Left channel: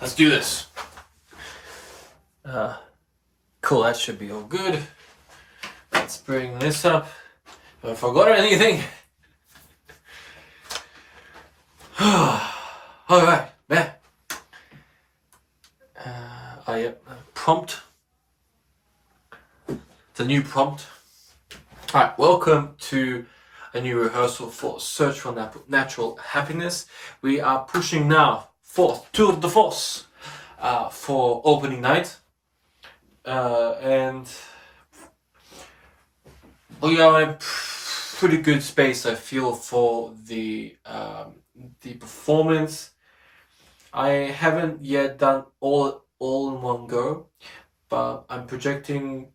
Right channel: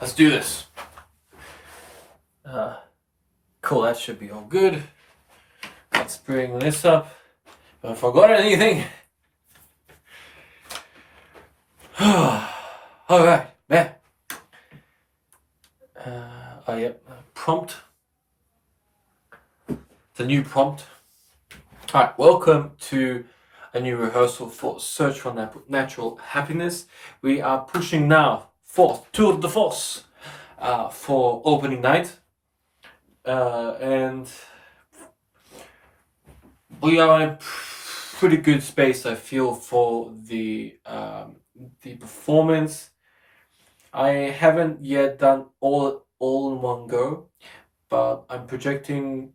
Let's do this. Cool, that should be all good. Let's bring this up. Have I forgot anything? Alright, man. Yep, prompt. The new prompt. Alright, welcome to a new rehearsal for Search for Natural Happiness. We are pushing now for tour de force for opening night. And we are in a pretty good space, I feel, for the performance. I haven't yet done all in one go, but I'm projecting.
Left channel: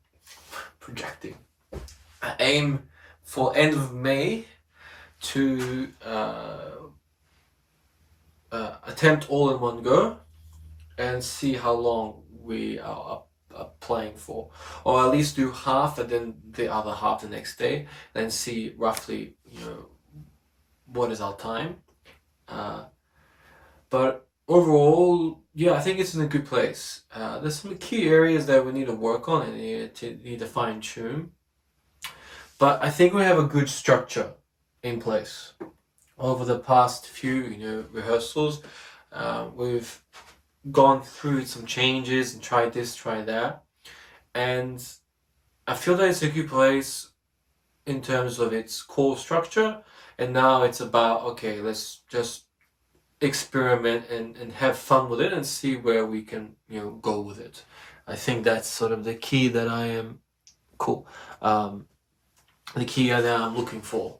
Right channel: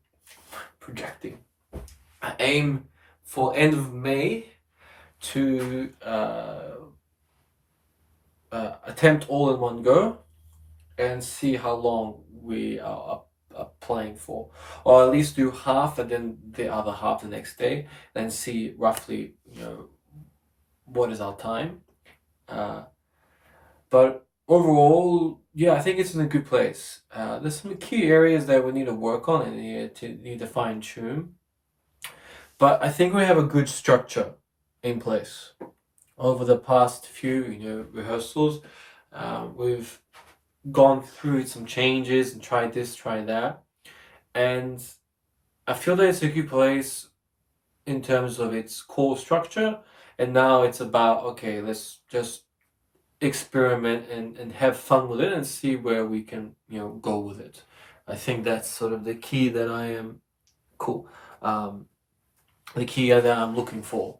I aim for end of May to attempt all in one go and see how long we are playing for, or at least do half and then the other half the next day, then see roughly what is our time. But overall, yeah, I think it's in a good place. There's some key areas that we need to work on and need to fine tune, but I think we have a good structure in place. Over the past few rehearsals, we've gone through some changes and tried this, tried that, and I feel that it's a good place in terms of its core structure. And now it's about, okay, let's just experiment and have fun with it and see where we can go with it. I think that's sort of the key that I am the key that I'm looking for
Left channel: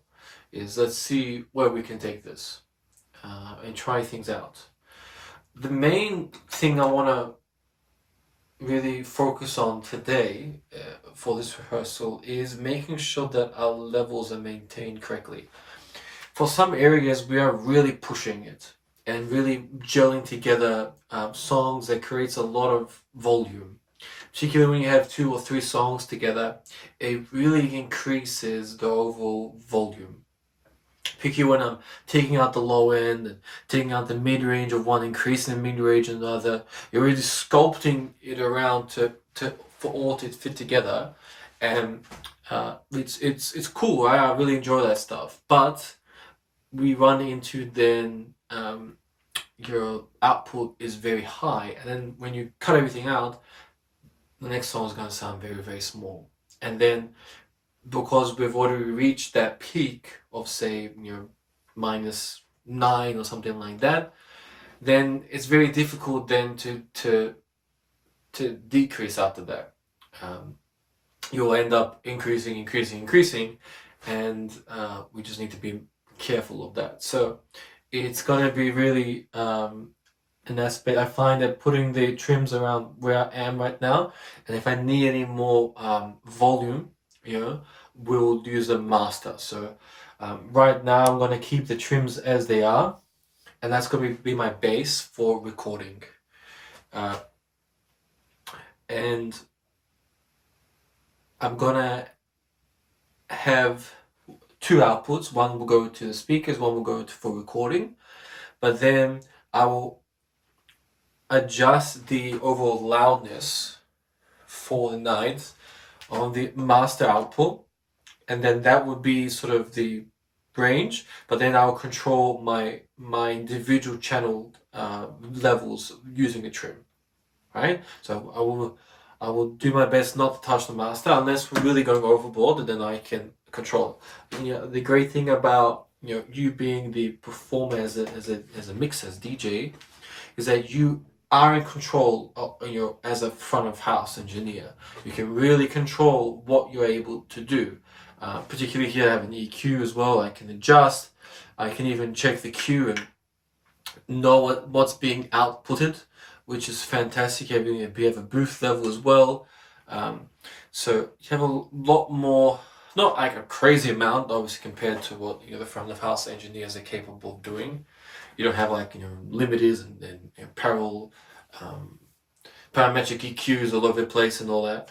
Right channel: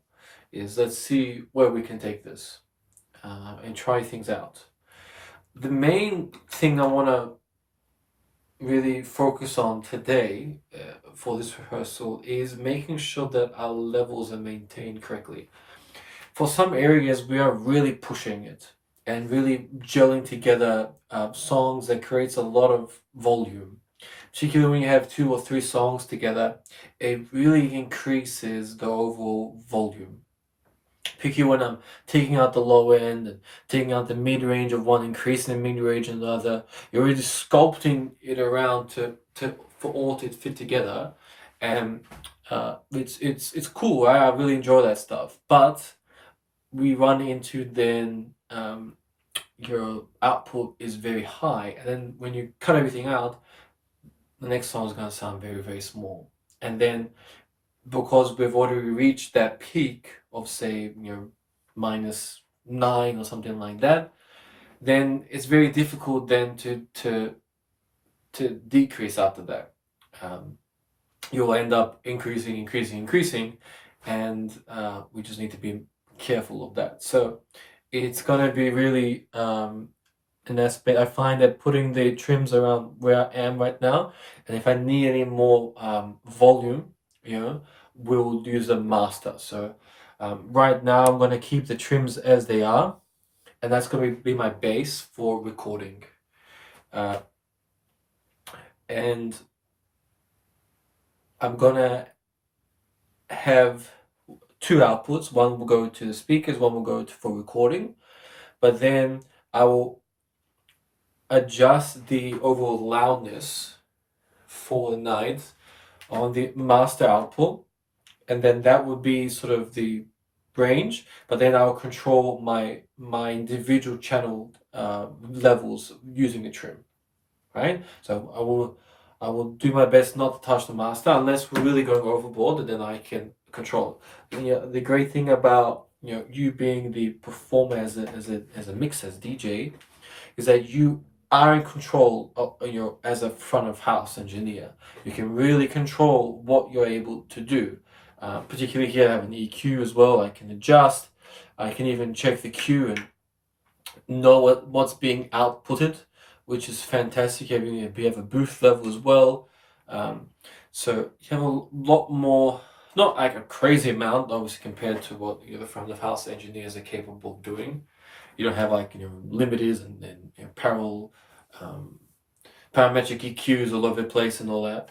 is let's see where we can take this and try things out. The main thing I want to really focus on today for this rehearsal is making sure that our levels are maintained correctly. For some areas, we are really pushing it and really gelling together songs that creates a lot of volume. Particularly when you have 2 or 3 songs together, it really increases the overall volume. Particularly when I'm taking out the low end and taking out the mid-range of one, increasing the mid-range of the other, you're really sculpting it around for all to fit together, and it's cool. Right? I really enjoy that stuff. But we run into then your output is very high, and then when you cut everything out, the next song is going to sound very, very small. And then because we've already reached that peak of say -9 or something like that, then it's very difficult then to decrease after that. You'll end up increasing, and we just need to be careful of that. So it's going to be really an aspect. I find that putting the trims around where I am right now, and if I need any more volume, we'll use a master. So right now I'm going to keep the trims as they are, and that's going to be my base for recording. And I'm going to have 2 outputs. One will go to the speakers, one will go for recording, but then I will adjust the overall loudness for the night on the master output, and then that would be sort of the range, but then I'll control my individual channel levels using a trim, right? So I will do my best not to touch the master unless we're really going overboard, and then I can control it. And, the great thing about you being the performer as a mixer, as DJ, is that you are in control of, as a front of house engineer. You can really control what you're able to do. Particularly here I have an EQ as well. I can adjust. I can even check the Q and know what's being outputted, which is fantastic. You have a booth level as well. So you have a lot more, not like a crazy amount, obviously, compared to what the front of house engineers are capable of doing. You don't have like limiters and parallel parametric EQs all over the place and all that.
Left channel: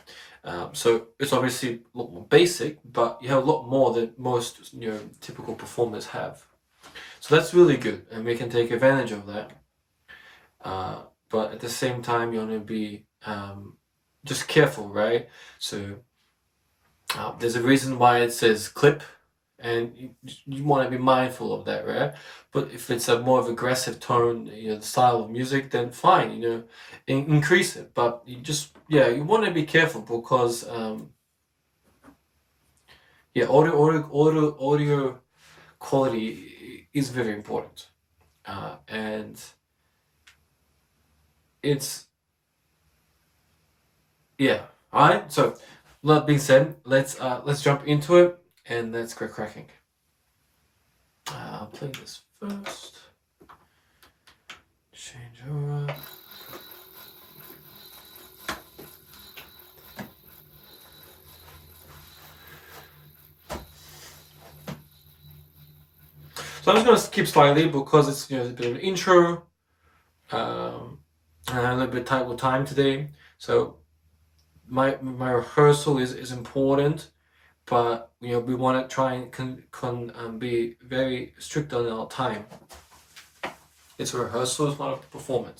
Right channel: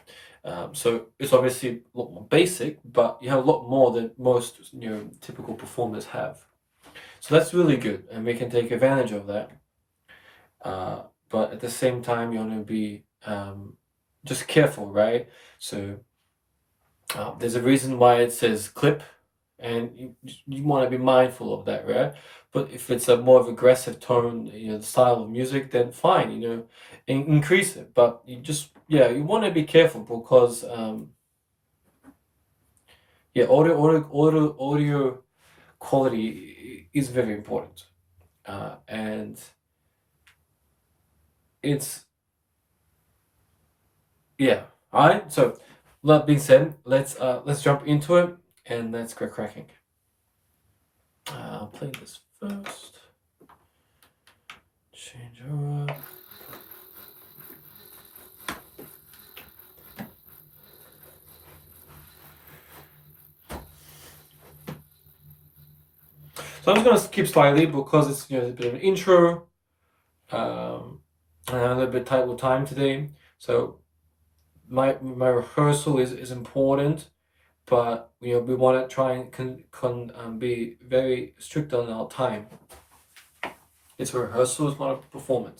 So it's obviously a lot more basic, but you have a lot more than most typical performers have. So that's really good, and we can take advantage of that. but at the same time you want to be just careful, right? So there's a reason why it says clip, and you want to be mindful of that, right? But if it's a more of aggressive tone, the style of music, then fine, increase it. But you just, you want to be careful because audio quality is very important, and it's all right. So that being said, let's jump into it and let's get cracking. I'll play this first. Change over. So I'm just going to skip slightly because it's a bit of an intro, and I'm a little bit tight with time today. So my rehearsal is important, but we want to try and be very strict on our time. It's a rehearsal, it's not a performance.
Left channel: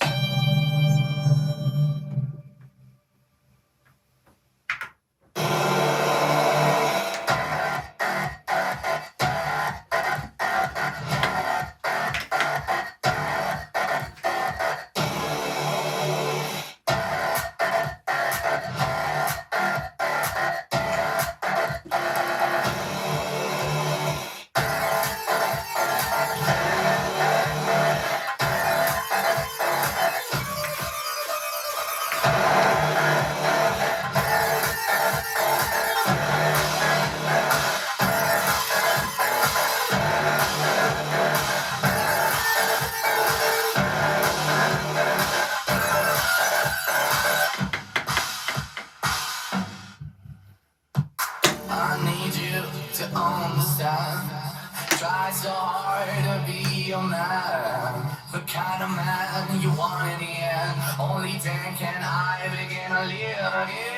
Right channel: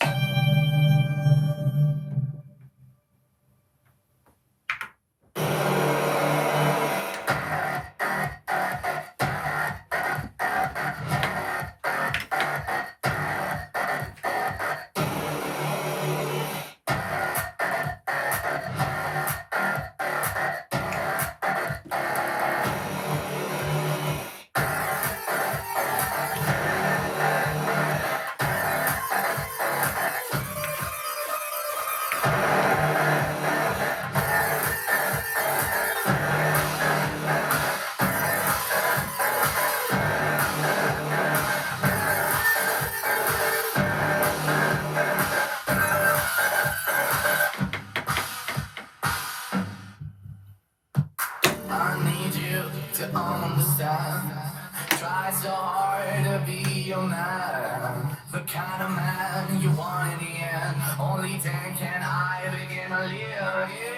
Try so hard to be your man, the kind of man you want in the end. Only then can I begin to live again.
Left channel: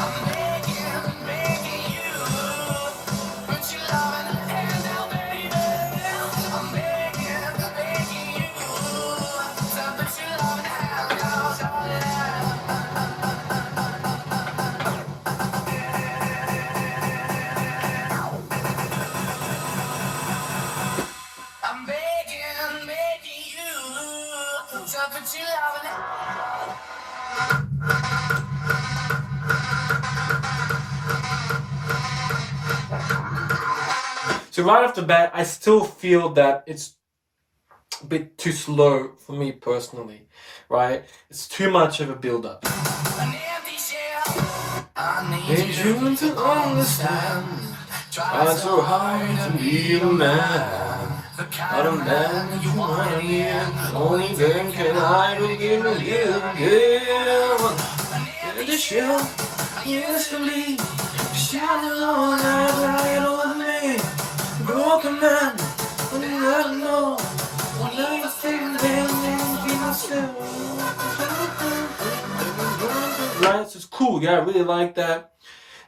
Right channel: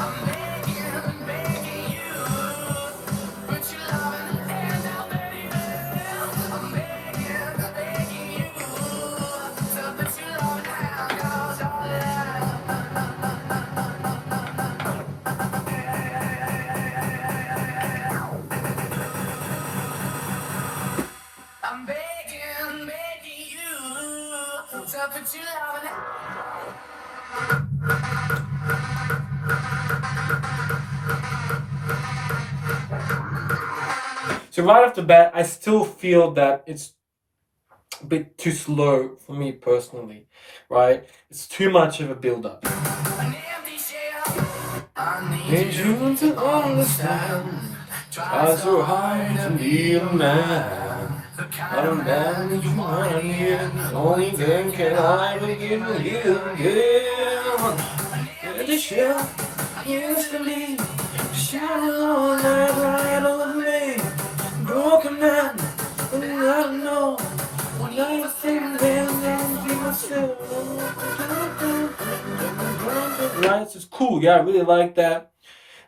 I'm begging you, put your love in the hands out, baby. I'm begging you, to put your love in the hands out. I'm begging you to put your love in So right off the bat, I still feel that it's a bit too slow for me personally, right? It's too much of a build-up. I need you to understand. Try so hard to be a man, the kind of man you want in the end. Only then can I begin to live again. And the shell I used to leave, shining on like light over me. Broken man, but I don't know what I think and be myself. Right, so it's cool. Yeah, I really like that.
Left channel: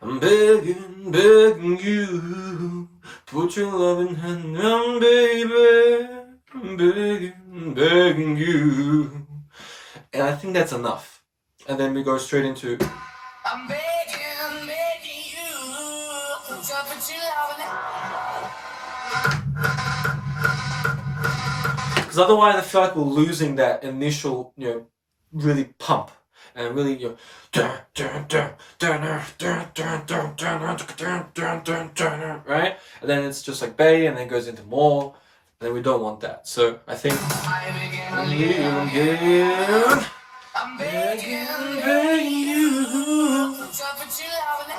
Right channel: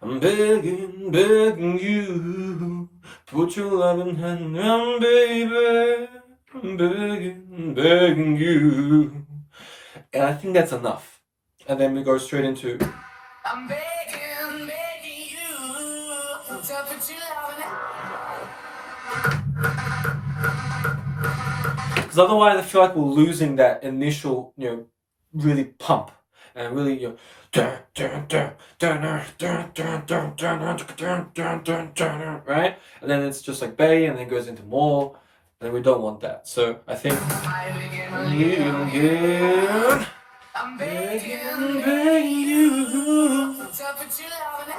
I'm begging you, put your loving hand on, baby. I'm begging you. And I think that's enough. And then we go straight into I'm begging you, to put your loving hand. Because otherwise I feel like we're losing that initial, really pump and really, right? And then it's just like bay, and then it goes into more, and then we don't want that. So I think I'm begging you to put your love in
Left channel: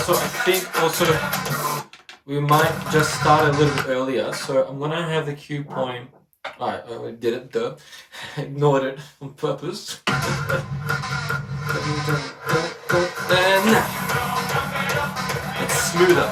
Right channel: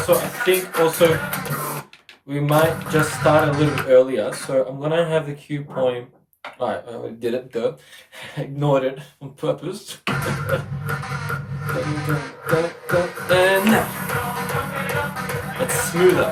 so I think also we might just start a little earlier. So I'm gonna have the cue point. Alright, I did it, duh. Ignored it on purpose. It's smoother.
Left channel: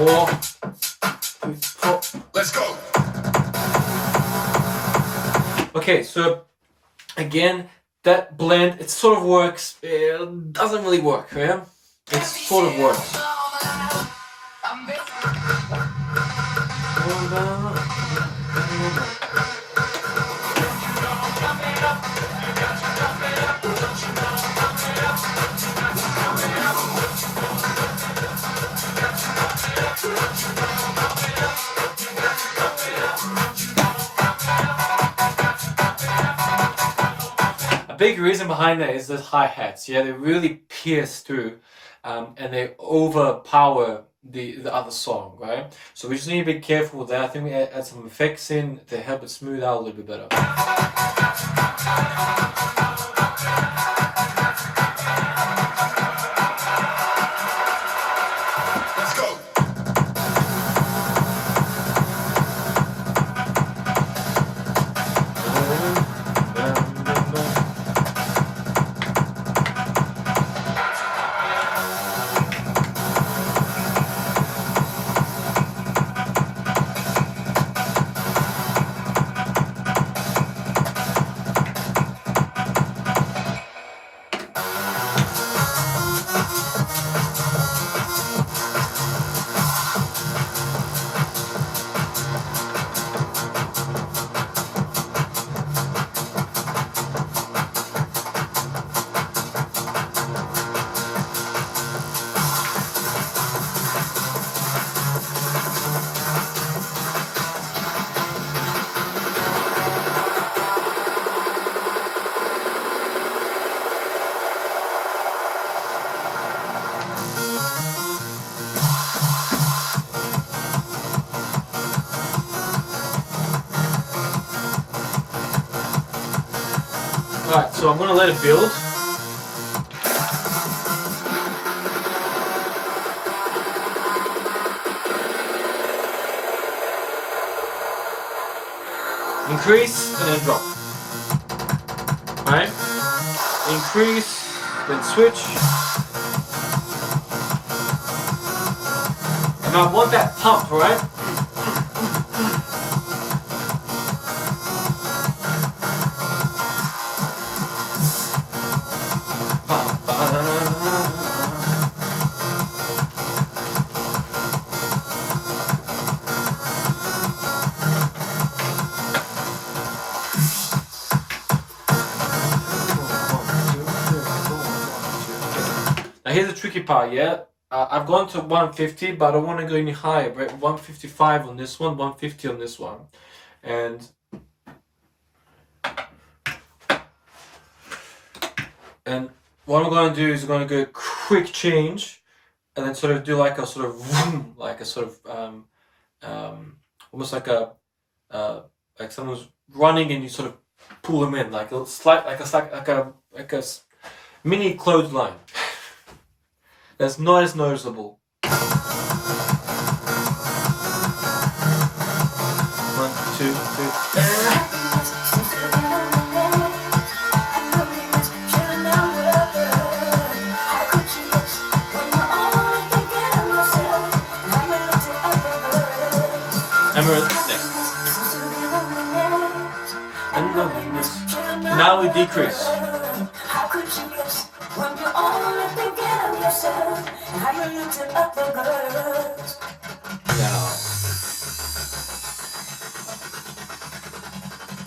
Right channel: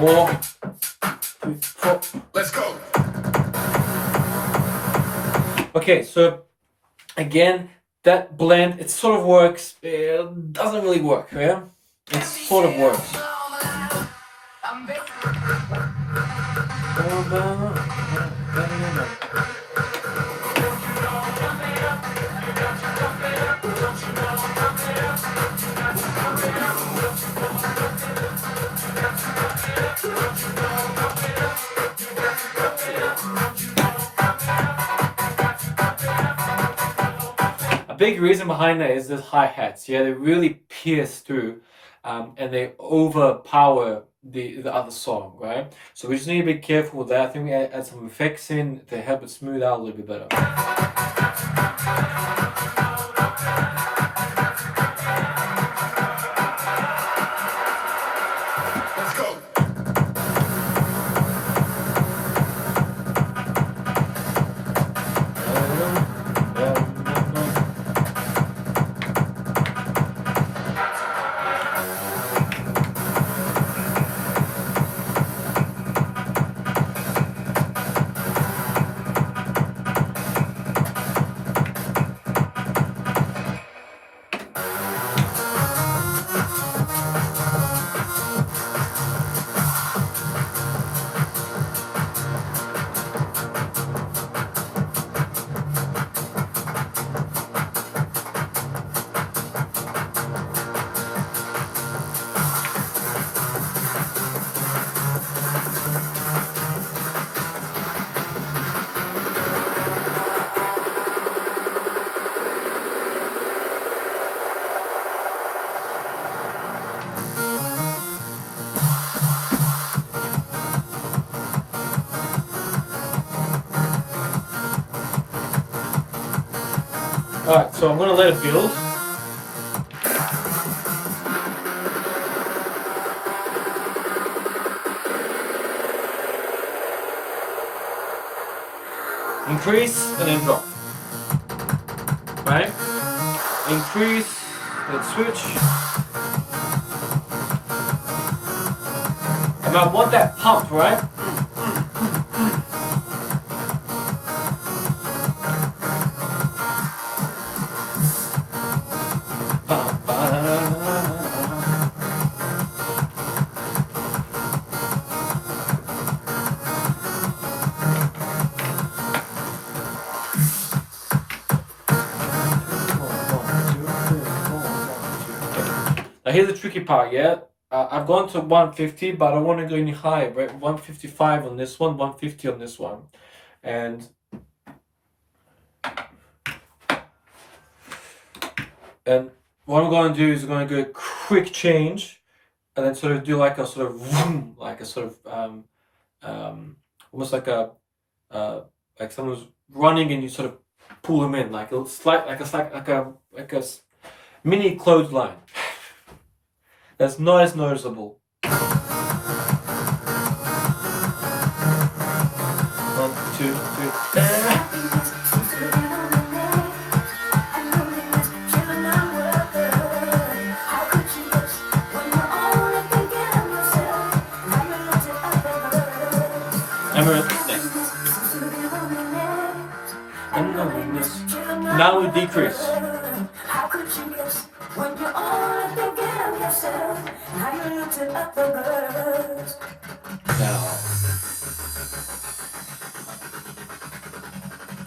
4, 3, 4. Let's go. Okay, so again, that blend, it sort of works. It doesn't really work, yeah? It sort of works. A big reason behind that is the hi-hats. Yeah, they really pierce through, and they overpower the other song, right? So we just need to be careful with that. I think we add some effects in to help it smooth out a little bit better. Let's go. Alright, so I'm gonna let it build. Increase and then drop. Right? Increase, then switch. And I want that pump, right? Now here's the tricky part, yeah? I've gone to 150, but I don't want to go any higher, right? 155 on this one, 150 on this one. And what I'm going to do is I'm going to go quick change, and then sort of do like a sort of vroom, like a sort of almost like a like someone's running and you sort of pull them in, like a slight, like a mini clothesline. That's not as noticeable. 1, 2, 3. Now we decrease.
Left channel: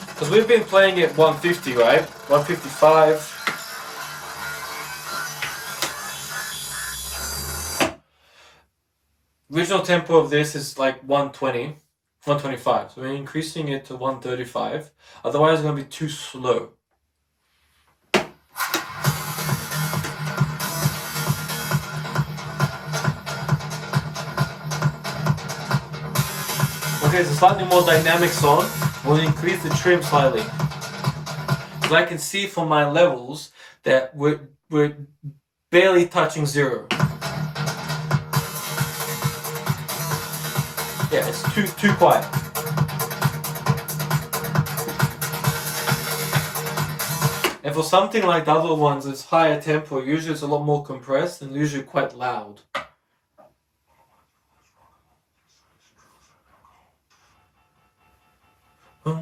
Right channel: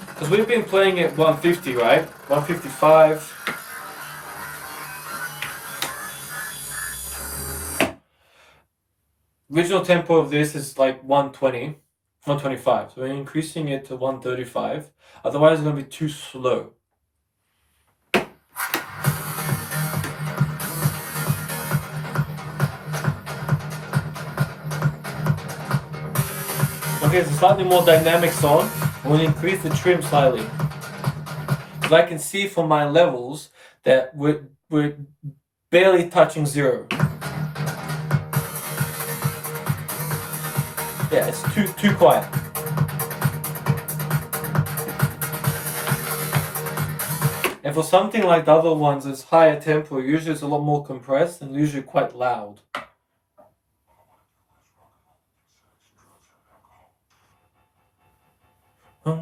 Because we've been playing at 150, right? 155. Original tempo of this is like 120, 125. So we're increasing it to 135. Otherwise, it's going to be too slow. Okay, it's a slightly more dynamic song. We'll increase the trim slightly. As I can see from my levels that we're barely touching 0. Yeah, it's too quiet. And for something like the other ones, it's higher tempo. Usually it's a lot more compressed and usually quite loud. Cool.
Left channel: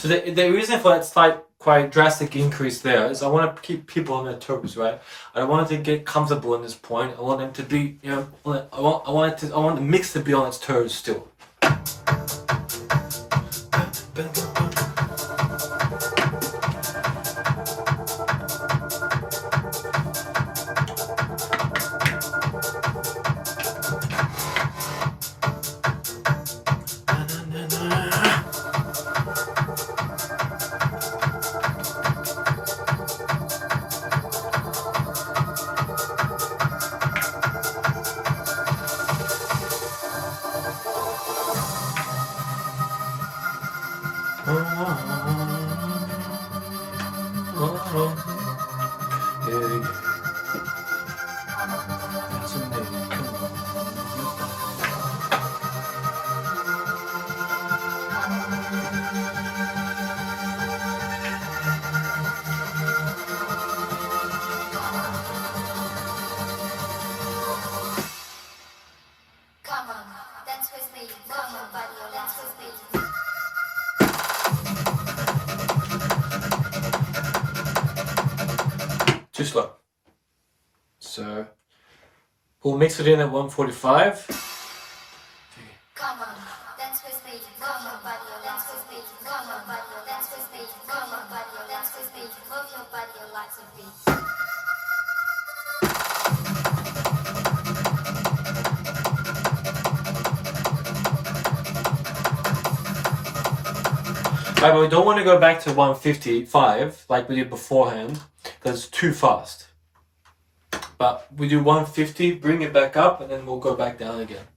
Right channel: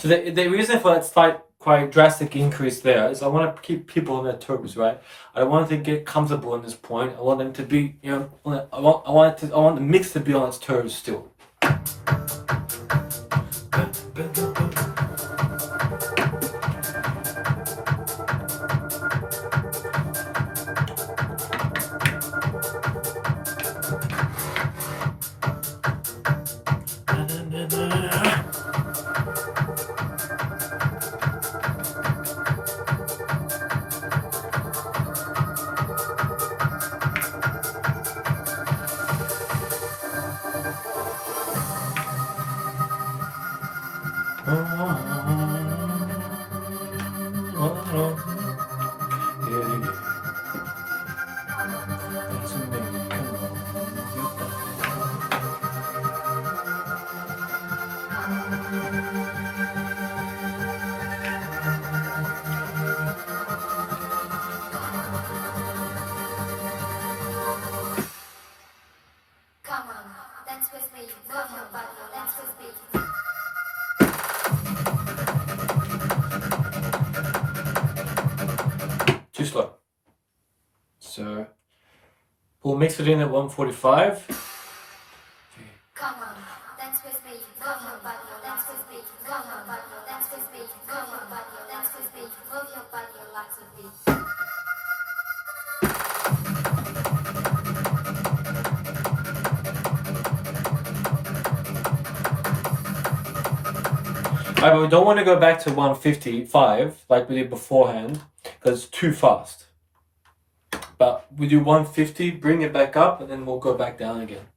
So the reason for that slight, quite drastic increase there is I want to keep people on their toes, right? I want them to get comfortable in this point. I want them to be, I want the mix to be on its toes still. Too slow. So we'll mix it in at 145. Come on, dance with me. Move your body, dance with me. Move your body, dance with me. Move your body, dance with me. Move your body, lots of beats. Right, but we don't want to go back to 155 like we did beforehand because it's too fast. But we do 150, bring it back up, and then we'll go back down again.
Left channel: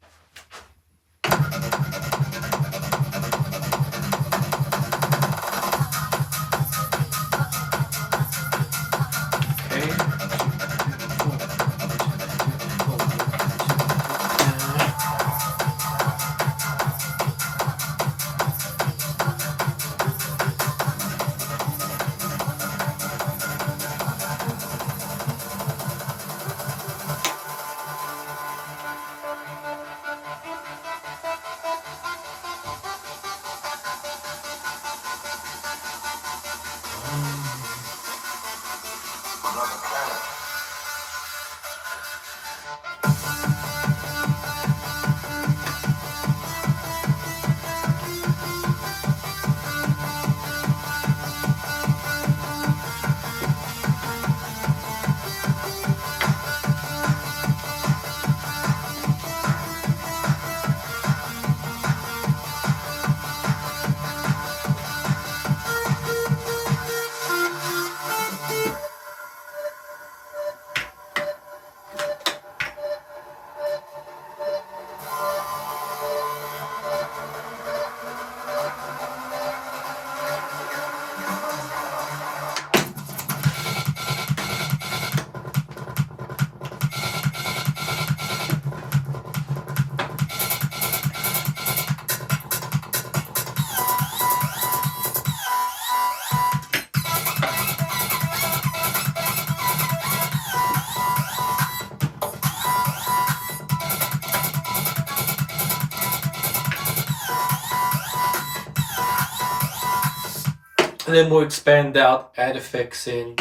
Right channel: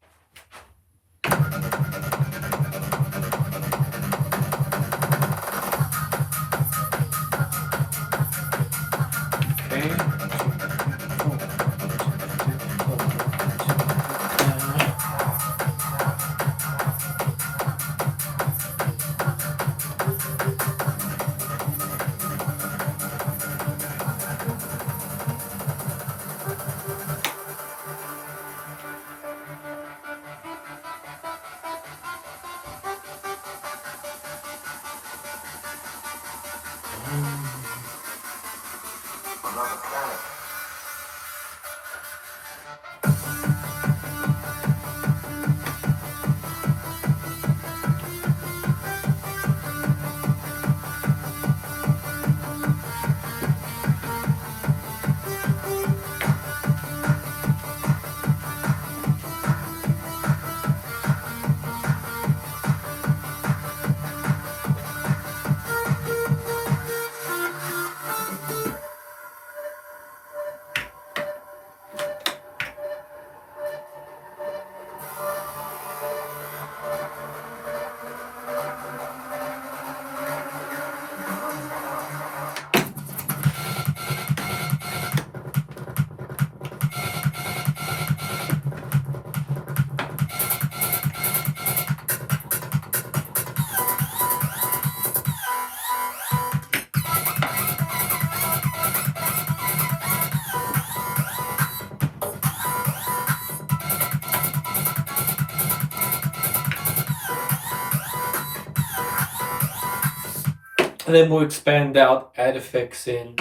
And then we'll expand out, add effects in,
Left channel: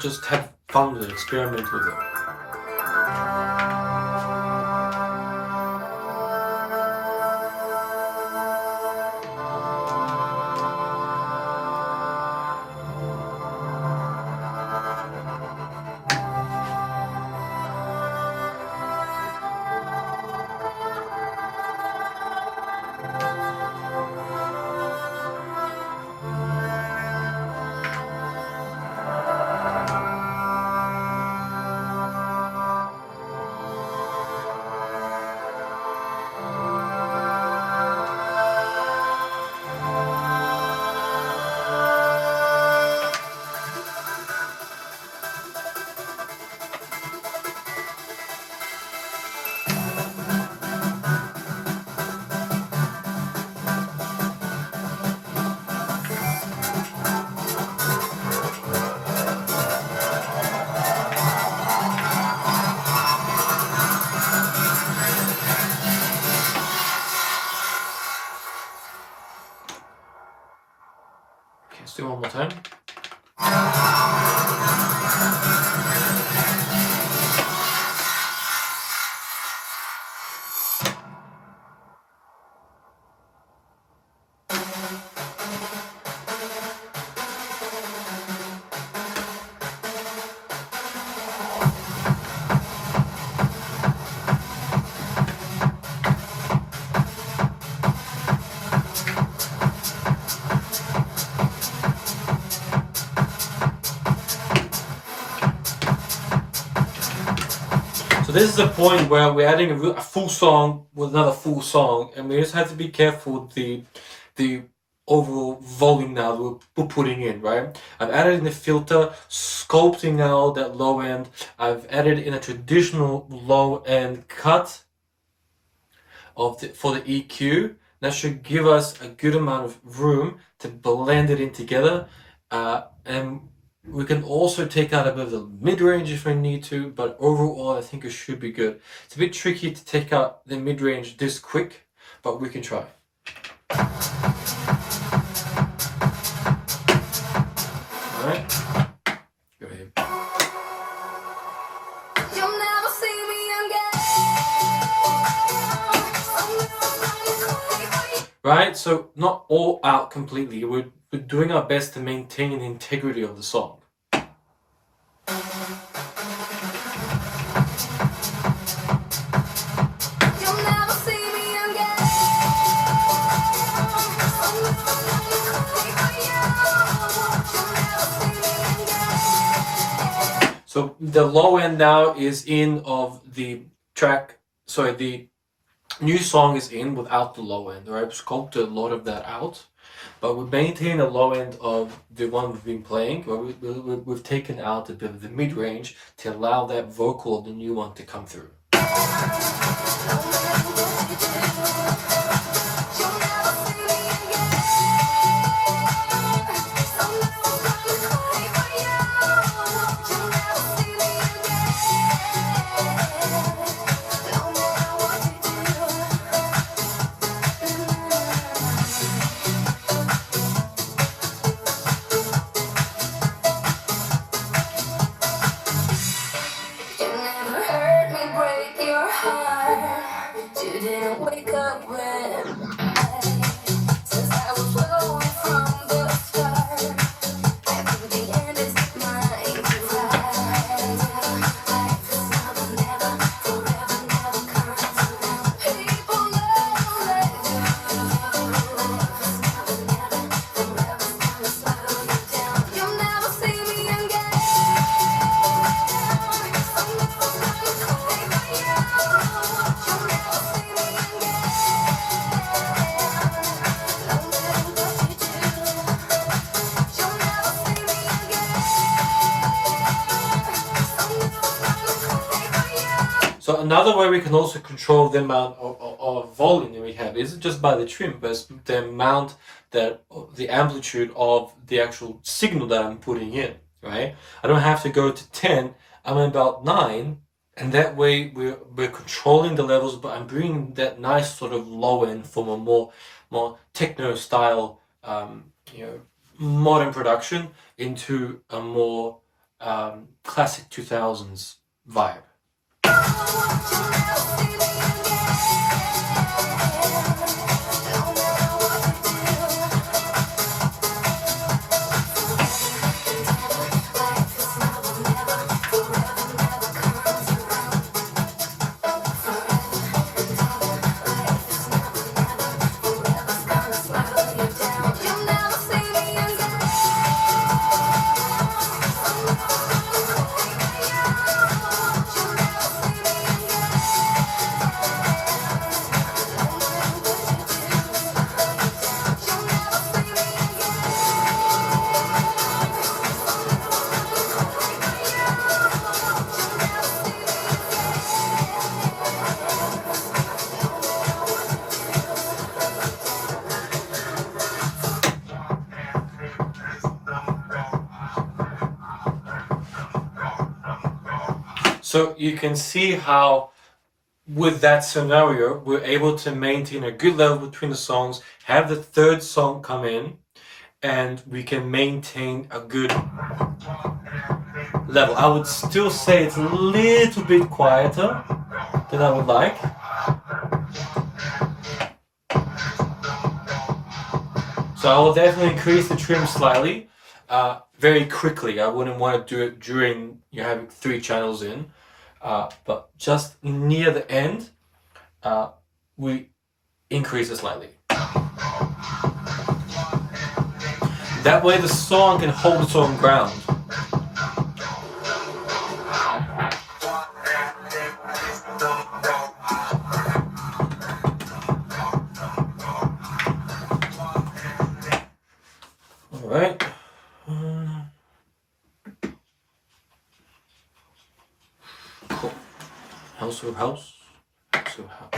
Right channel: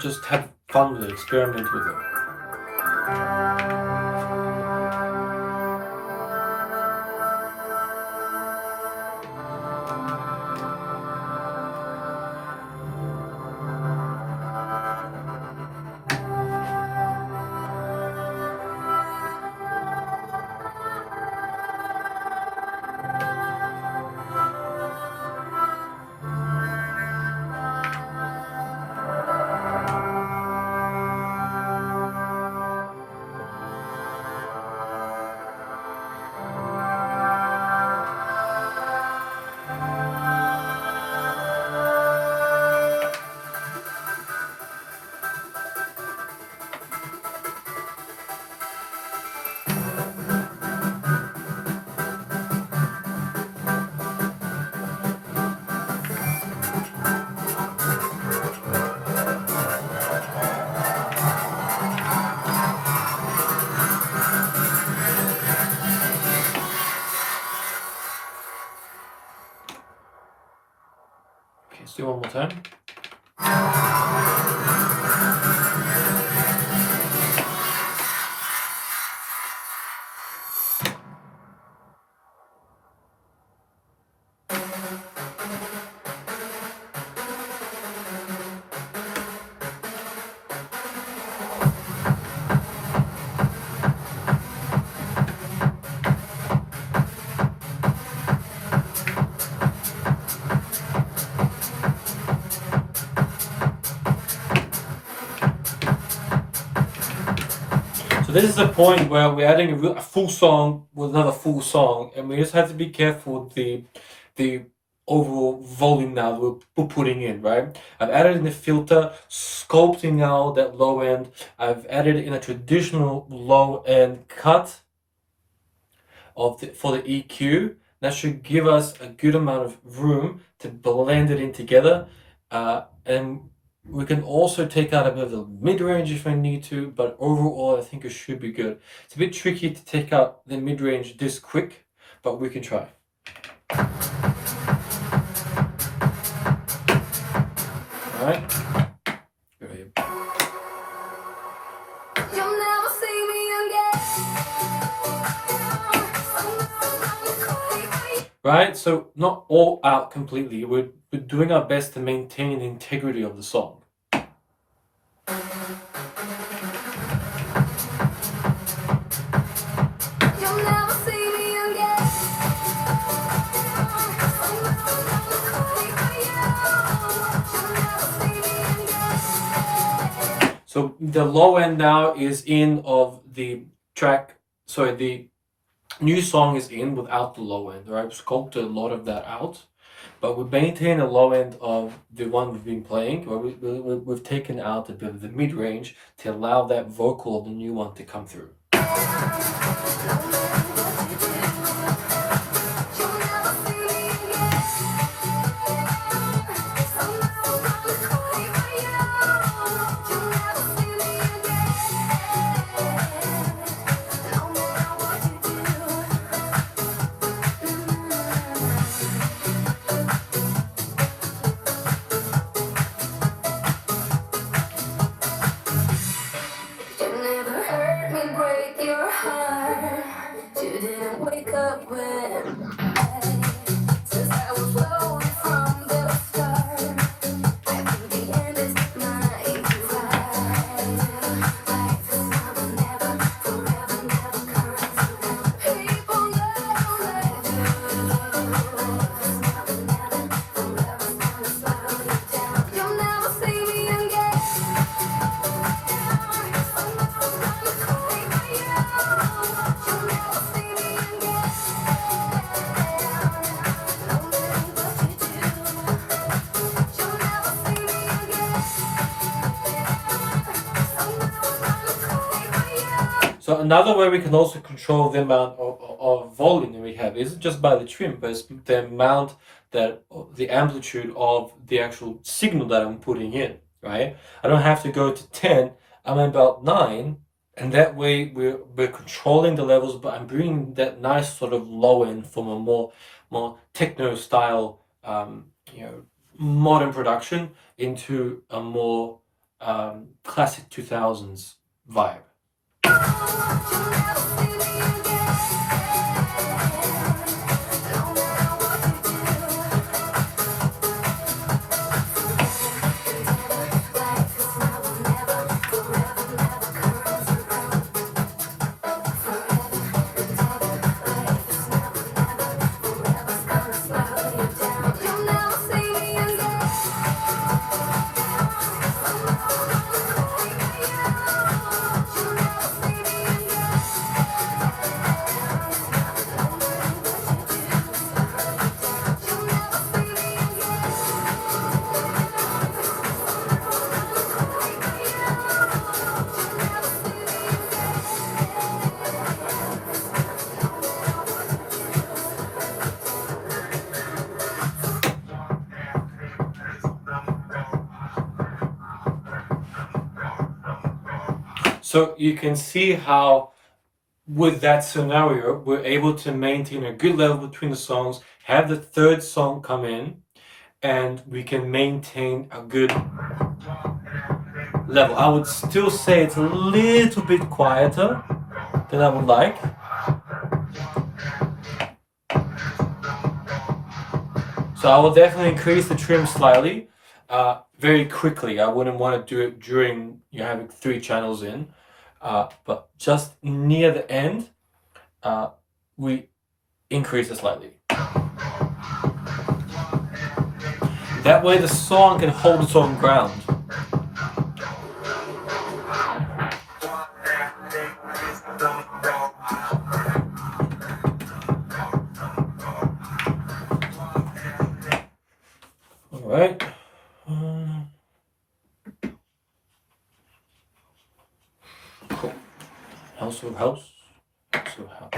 just have fun with it, experiment with it. Okay, let's do one more time. So this is the point where we're adding a full song with another full song, and we just have to be careful with the overall volume now that we're putting in, right? I've added in the filter, sculpting out that low end. I've added in a traditional low end cut for the EQ. That should give us a good amount of room to blend it in together, and we can also take out a bit of the mid-range if I need to, but overall I think it should be good. It's a bit tricky to take out the mid-range this quick, but we can try. Alright, go ahead. You'll never see me again. Right, so not all out completely. We're doing our best to maintain the integrity of the song. You'll never see me again. So the low end now is in of the track, sorry, the new song is in without the low end, right? We've sculpted a lot of that out, but we maintain a low end of the one we've been playing, but we've taken out a bit of the mid-range to allow that vocal of the new one to come through. So another way we can also control the amount of volume that we have isn't just by the trim, but it's the amount that the amplitude of the actual signal that I'm putting in, right? I don't have to go to 10, I'm at about 9, and that way we're controlling the levels, but I'm bringing that nice sort of low end from a more techno style modern production into a more classic 2000s vibe. So you can see how with that scenario, we're able to maintain a good level between the songs, have the third song come in, and we can maintain a good level. I would still say it's a little bit quieter than I would like. So I will definitely increase the trim slightly, very quickly. I wouldn't want to do it during you're having 3 channels in, but just near the end, we increase it slightly. That way the song can hold its own ground. Alright. Cool. House of house. House of house.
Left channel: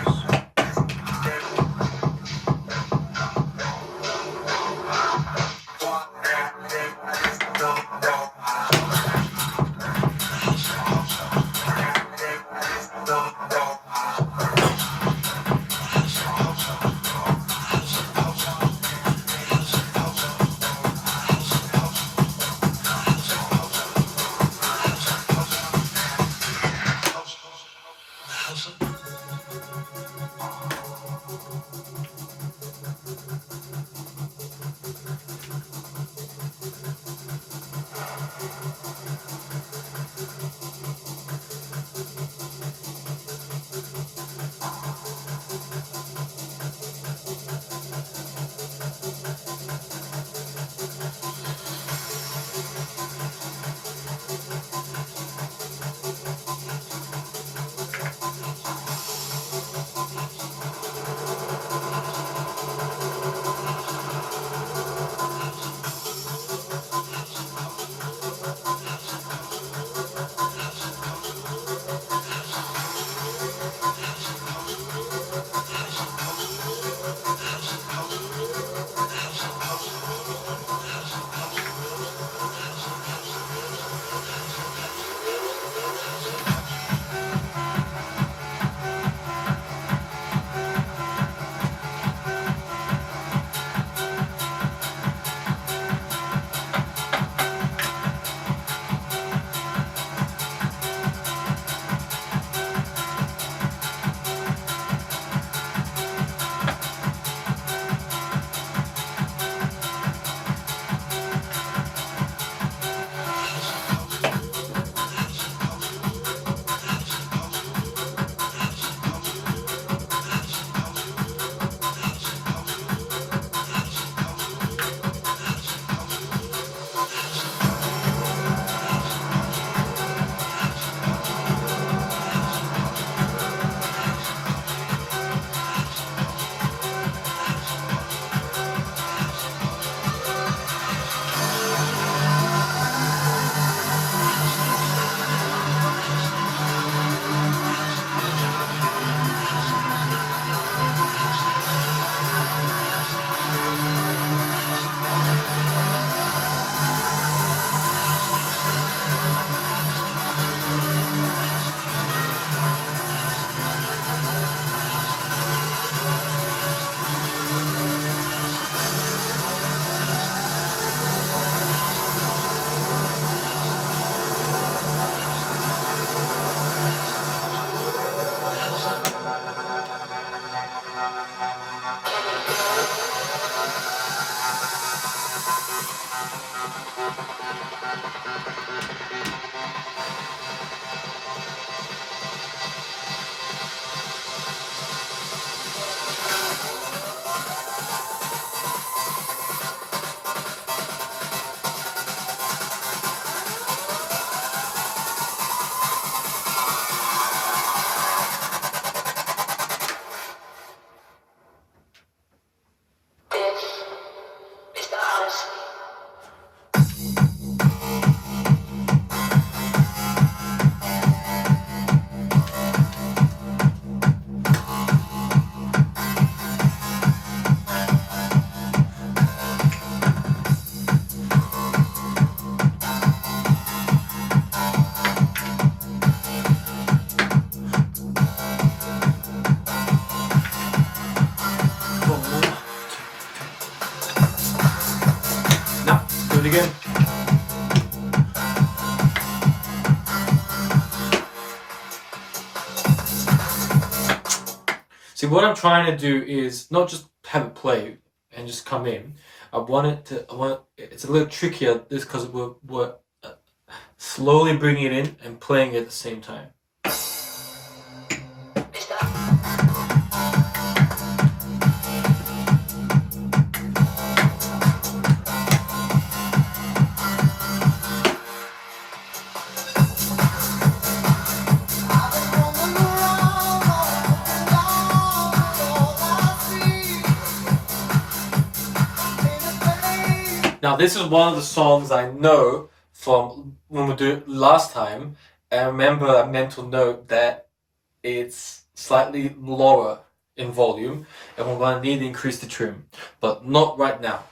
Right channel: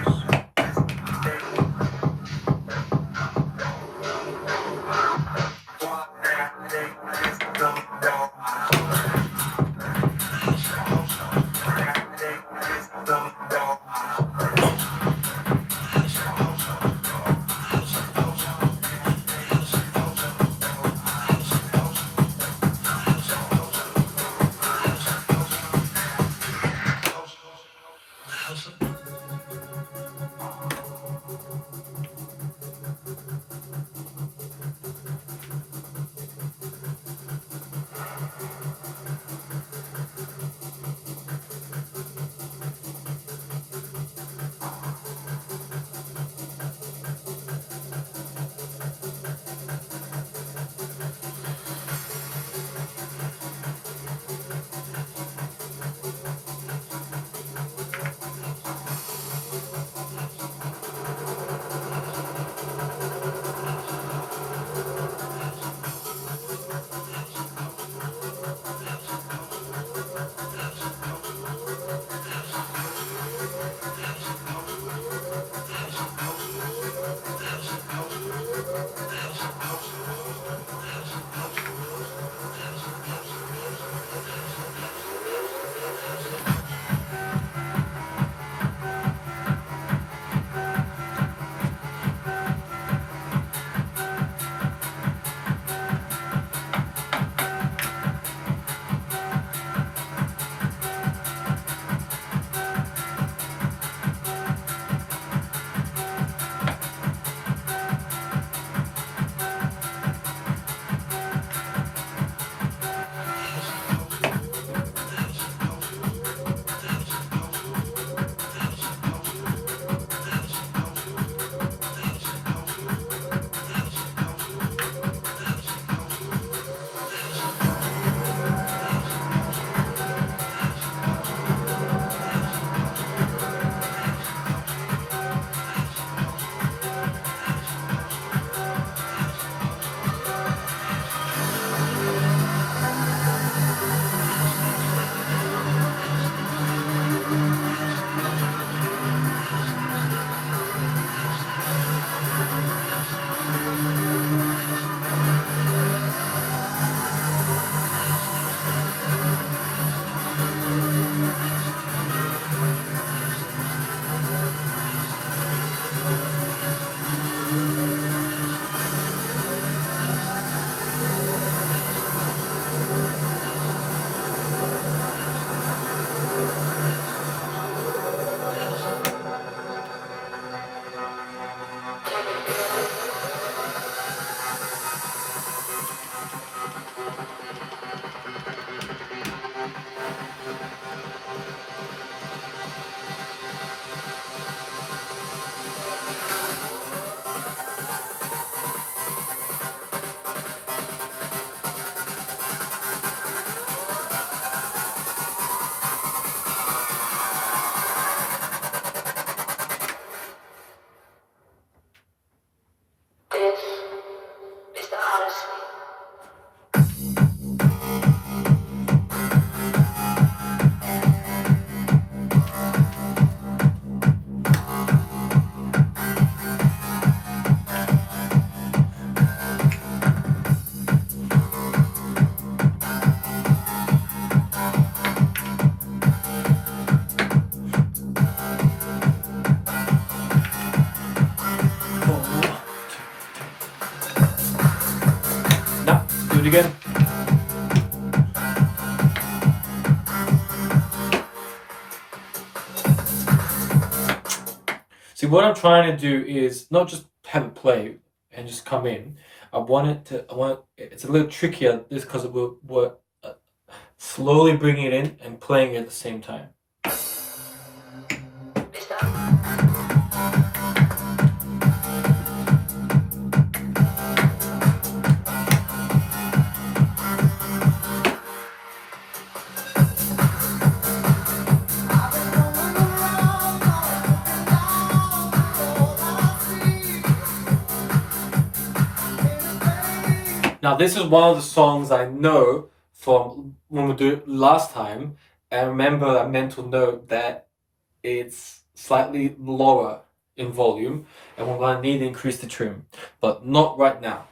it again. See, what I'm trying to do is not just have it play and just come in. It's a little trickier this because we're slowly bringing it in and playing it at the same time. Now, this is one of the songs I know from when we did it last time. I remember a mental note that it's slightly lower in volume and we're going to need to increase the trim, but not right now.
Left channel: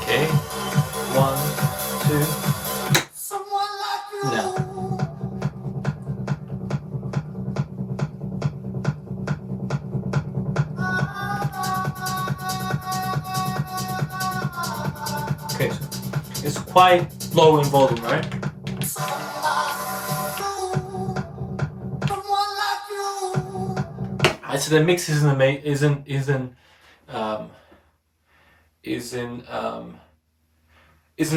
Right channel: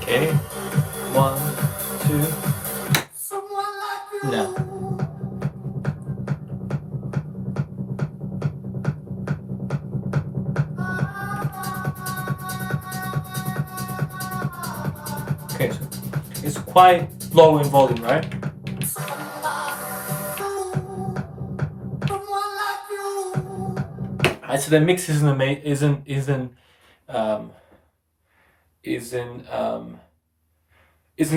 Okay, 1, 2, now. Okay, so it's quite low in volume, right? So the mix isn't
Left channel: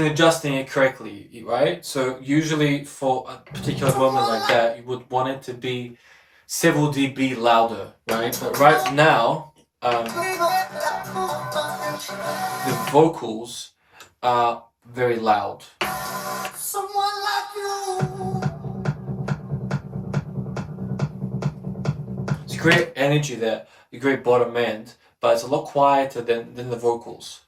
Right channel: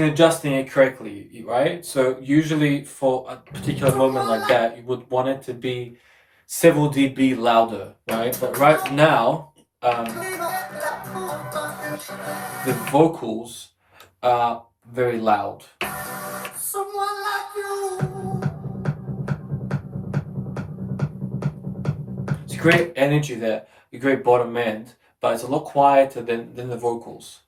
adjusting it correctly, right? So usually for a particular moment like that, you would want it to be several dB louder, right? But right now, the vocals are very loud. It's great energy there, a great bottom end, but it's a lot quieter than the vocals.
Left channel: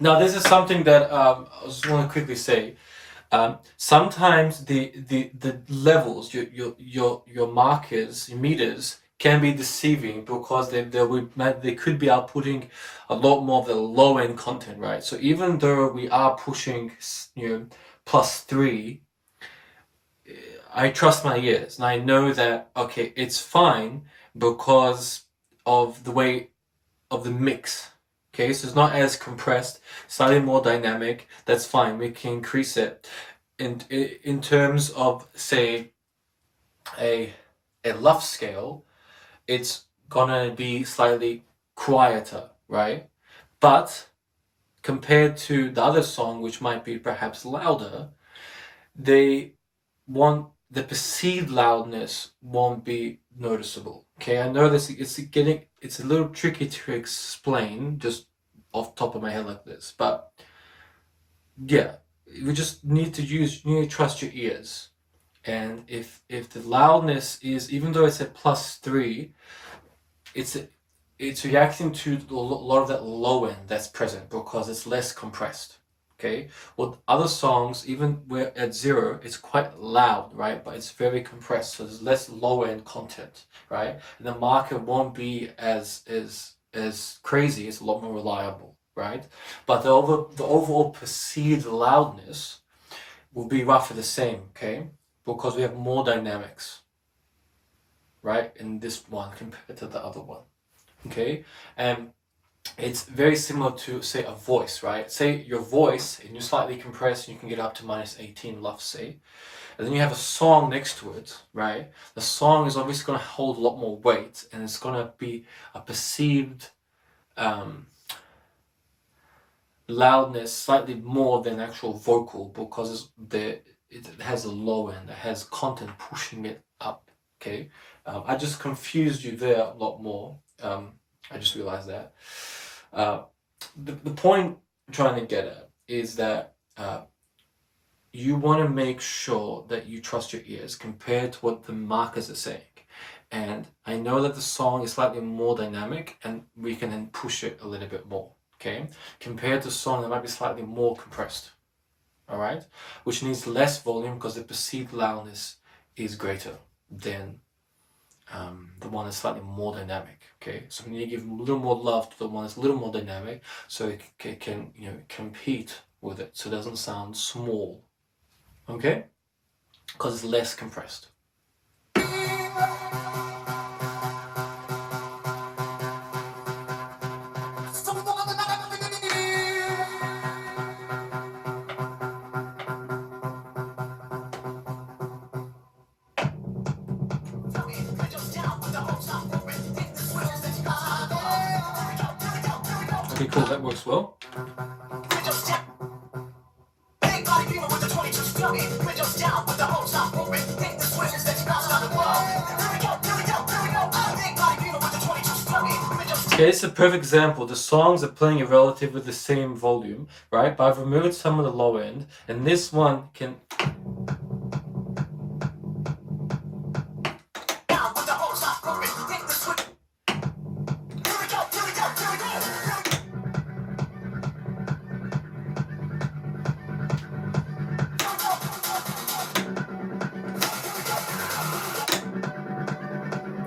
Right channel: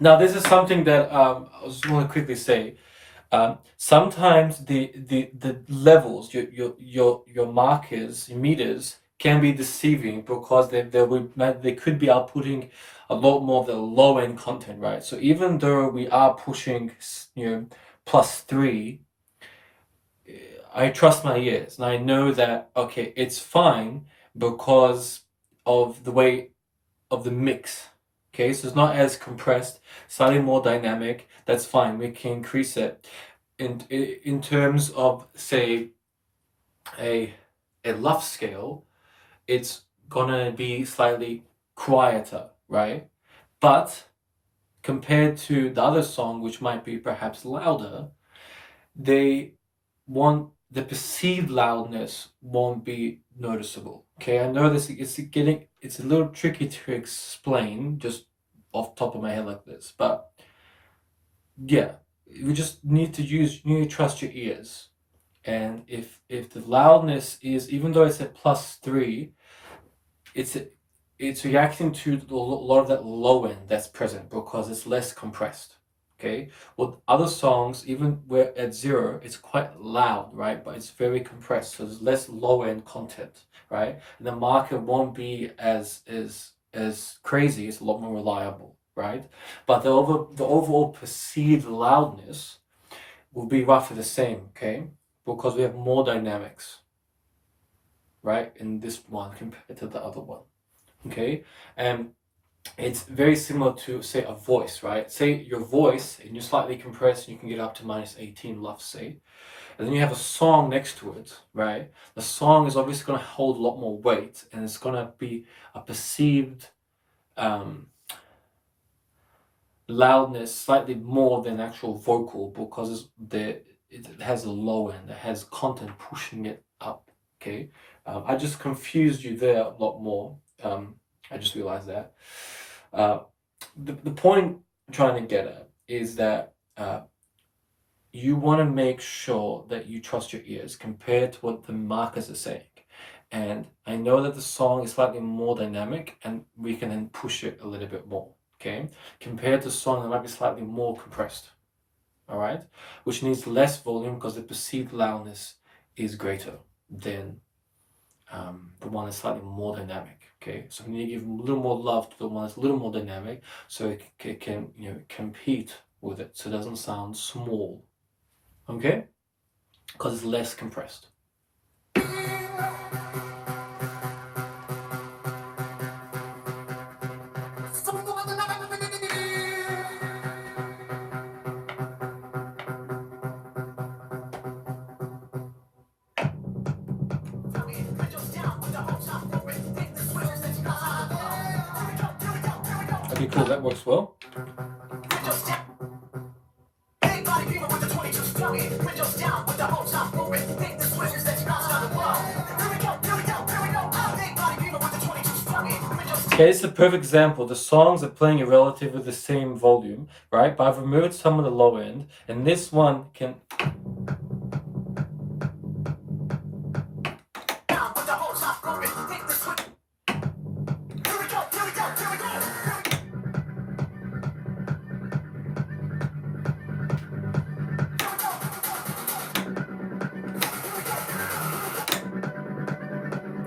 Now, this is something that I just want to quickly say. Sometimes the levels, your markers, your meters can be deceiving because they could be outputting a lot more of the low end content, right? So even though we are pushing, +3, I trust my ears and I know that okay, it's fine because of the way of the mix. Okay, so it's not as compressed, slightly more dynamic. That's fine. We can increase it. In terms of, say, a luff scale, it's gonna be slightly quieter, right? But compared to the other song, which might be perhaps louder, the perceived loudness won't be noticeable. Okay, I know this it's a little tricky to explain just off the top of my head like this, but yeah, we just need to trust your ears. And if the loudness is, even though it's at +3, it's reacting to a lot of that low end that's present because it's less compressed. okay? With other songs, even where at 0, it's quite loud, right? But it's very compressed, so there's less low-end content, right? And the market won't be as crazy, it's a lot more reliable, right? But the overall perceived loudness will be roughly the same, okay? Because we have more dynamics, right, in this one compared to the other one, okay? And it's very similar to, say, a voice, right? Say your voice, and you slightly compress, and you can get up to -18 left, say. And then you have a song next to it, right? The song is obviously going to hold a lot more weight, and it's going to be a perceived loudness slightly more than actual vocal, because it has a low end, it has content pushing it up, okay? I just confused you there a lot more. I just realized that. The point I'm trying to get at is that you want to make sure that you trust your ears compared to what the markers are saying. And I know that the song is slightly more dynamic, and we can then push it a little bit more, okay? Compared to a song that might be slightly more compressed, all right? Which needs less volume because the perceived loudness is greater than the one that's slightly more dynamic, okay? So we need to give a little more love to the one that's a little more dynamic, so it can, you know, compete with it, so it doesn't sound small, okay? Because it's less compressed. Okay, cool, that works well. Okay, it's a perfect example. The songs are playing at relatively the same volume, right? But I've removed some of the low end, and this one can...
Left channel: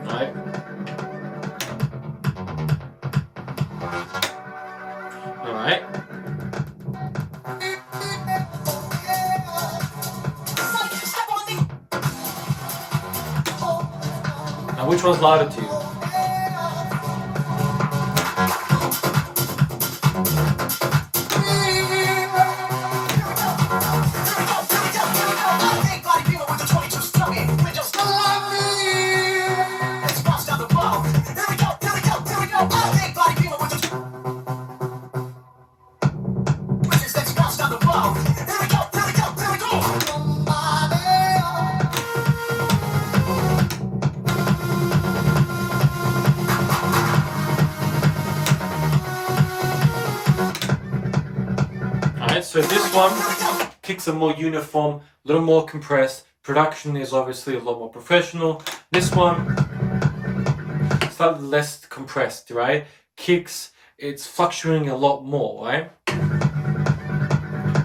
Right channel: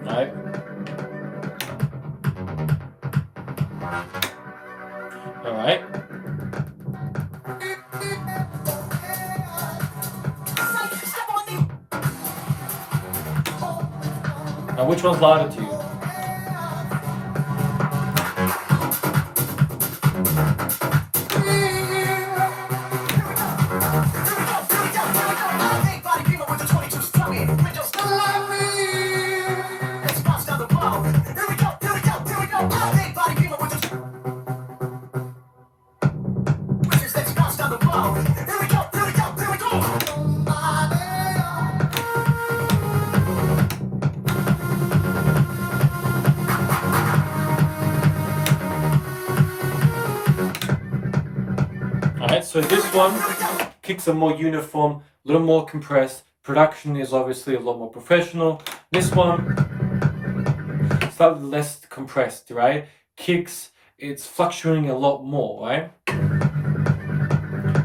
Right? All right. Now, which one's louder to you? So this one kicks are more uniform, a little more compressed. Production is obviously a lot more professional. This one, slightly less compressed, right? Kicks, it's fluctuating a lot more, right?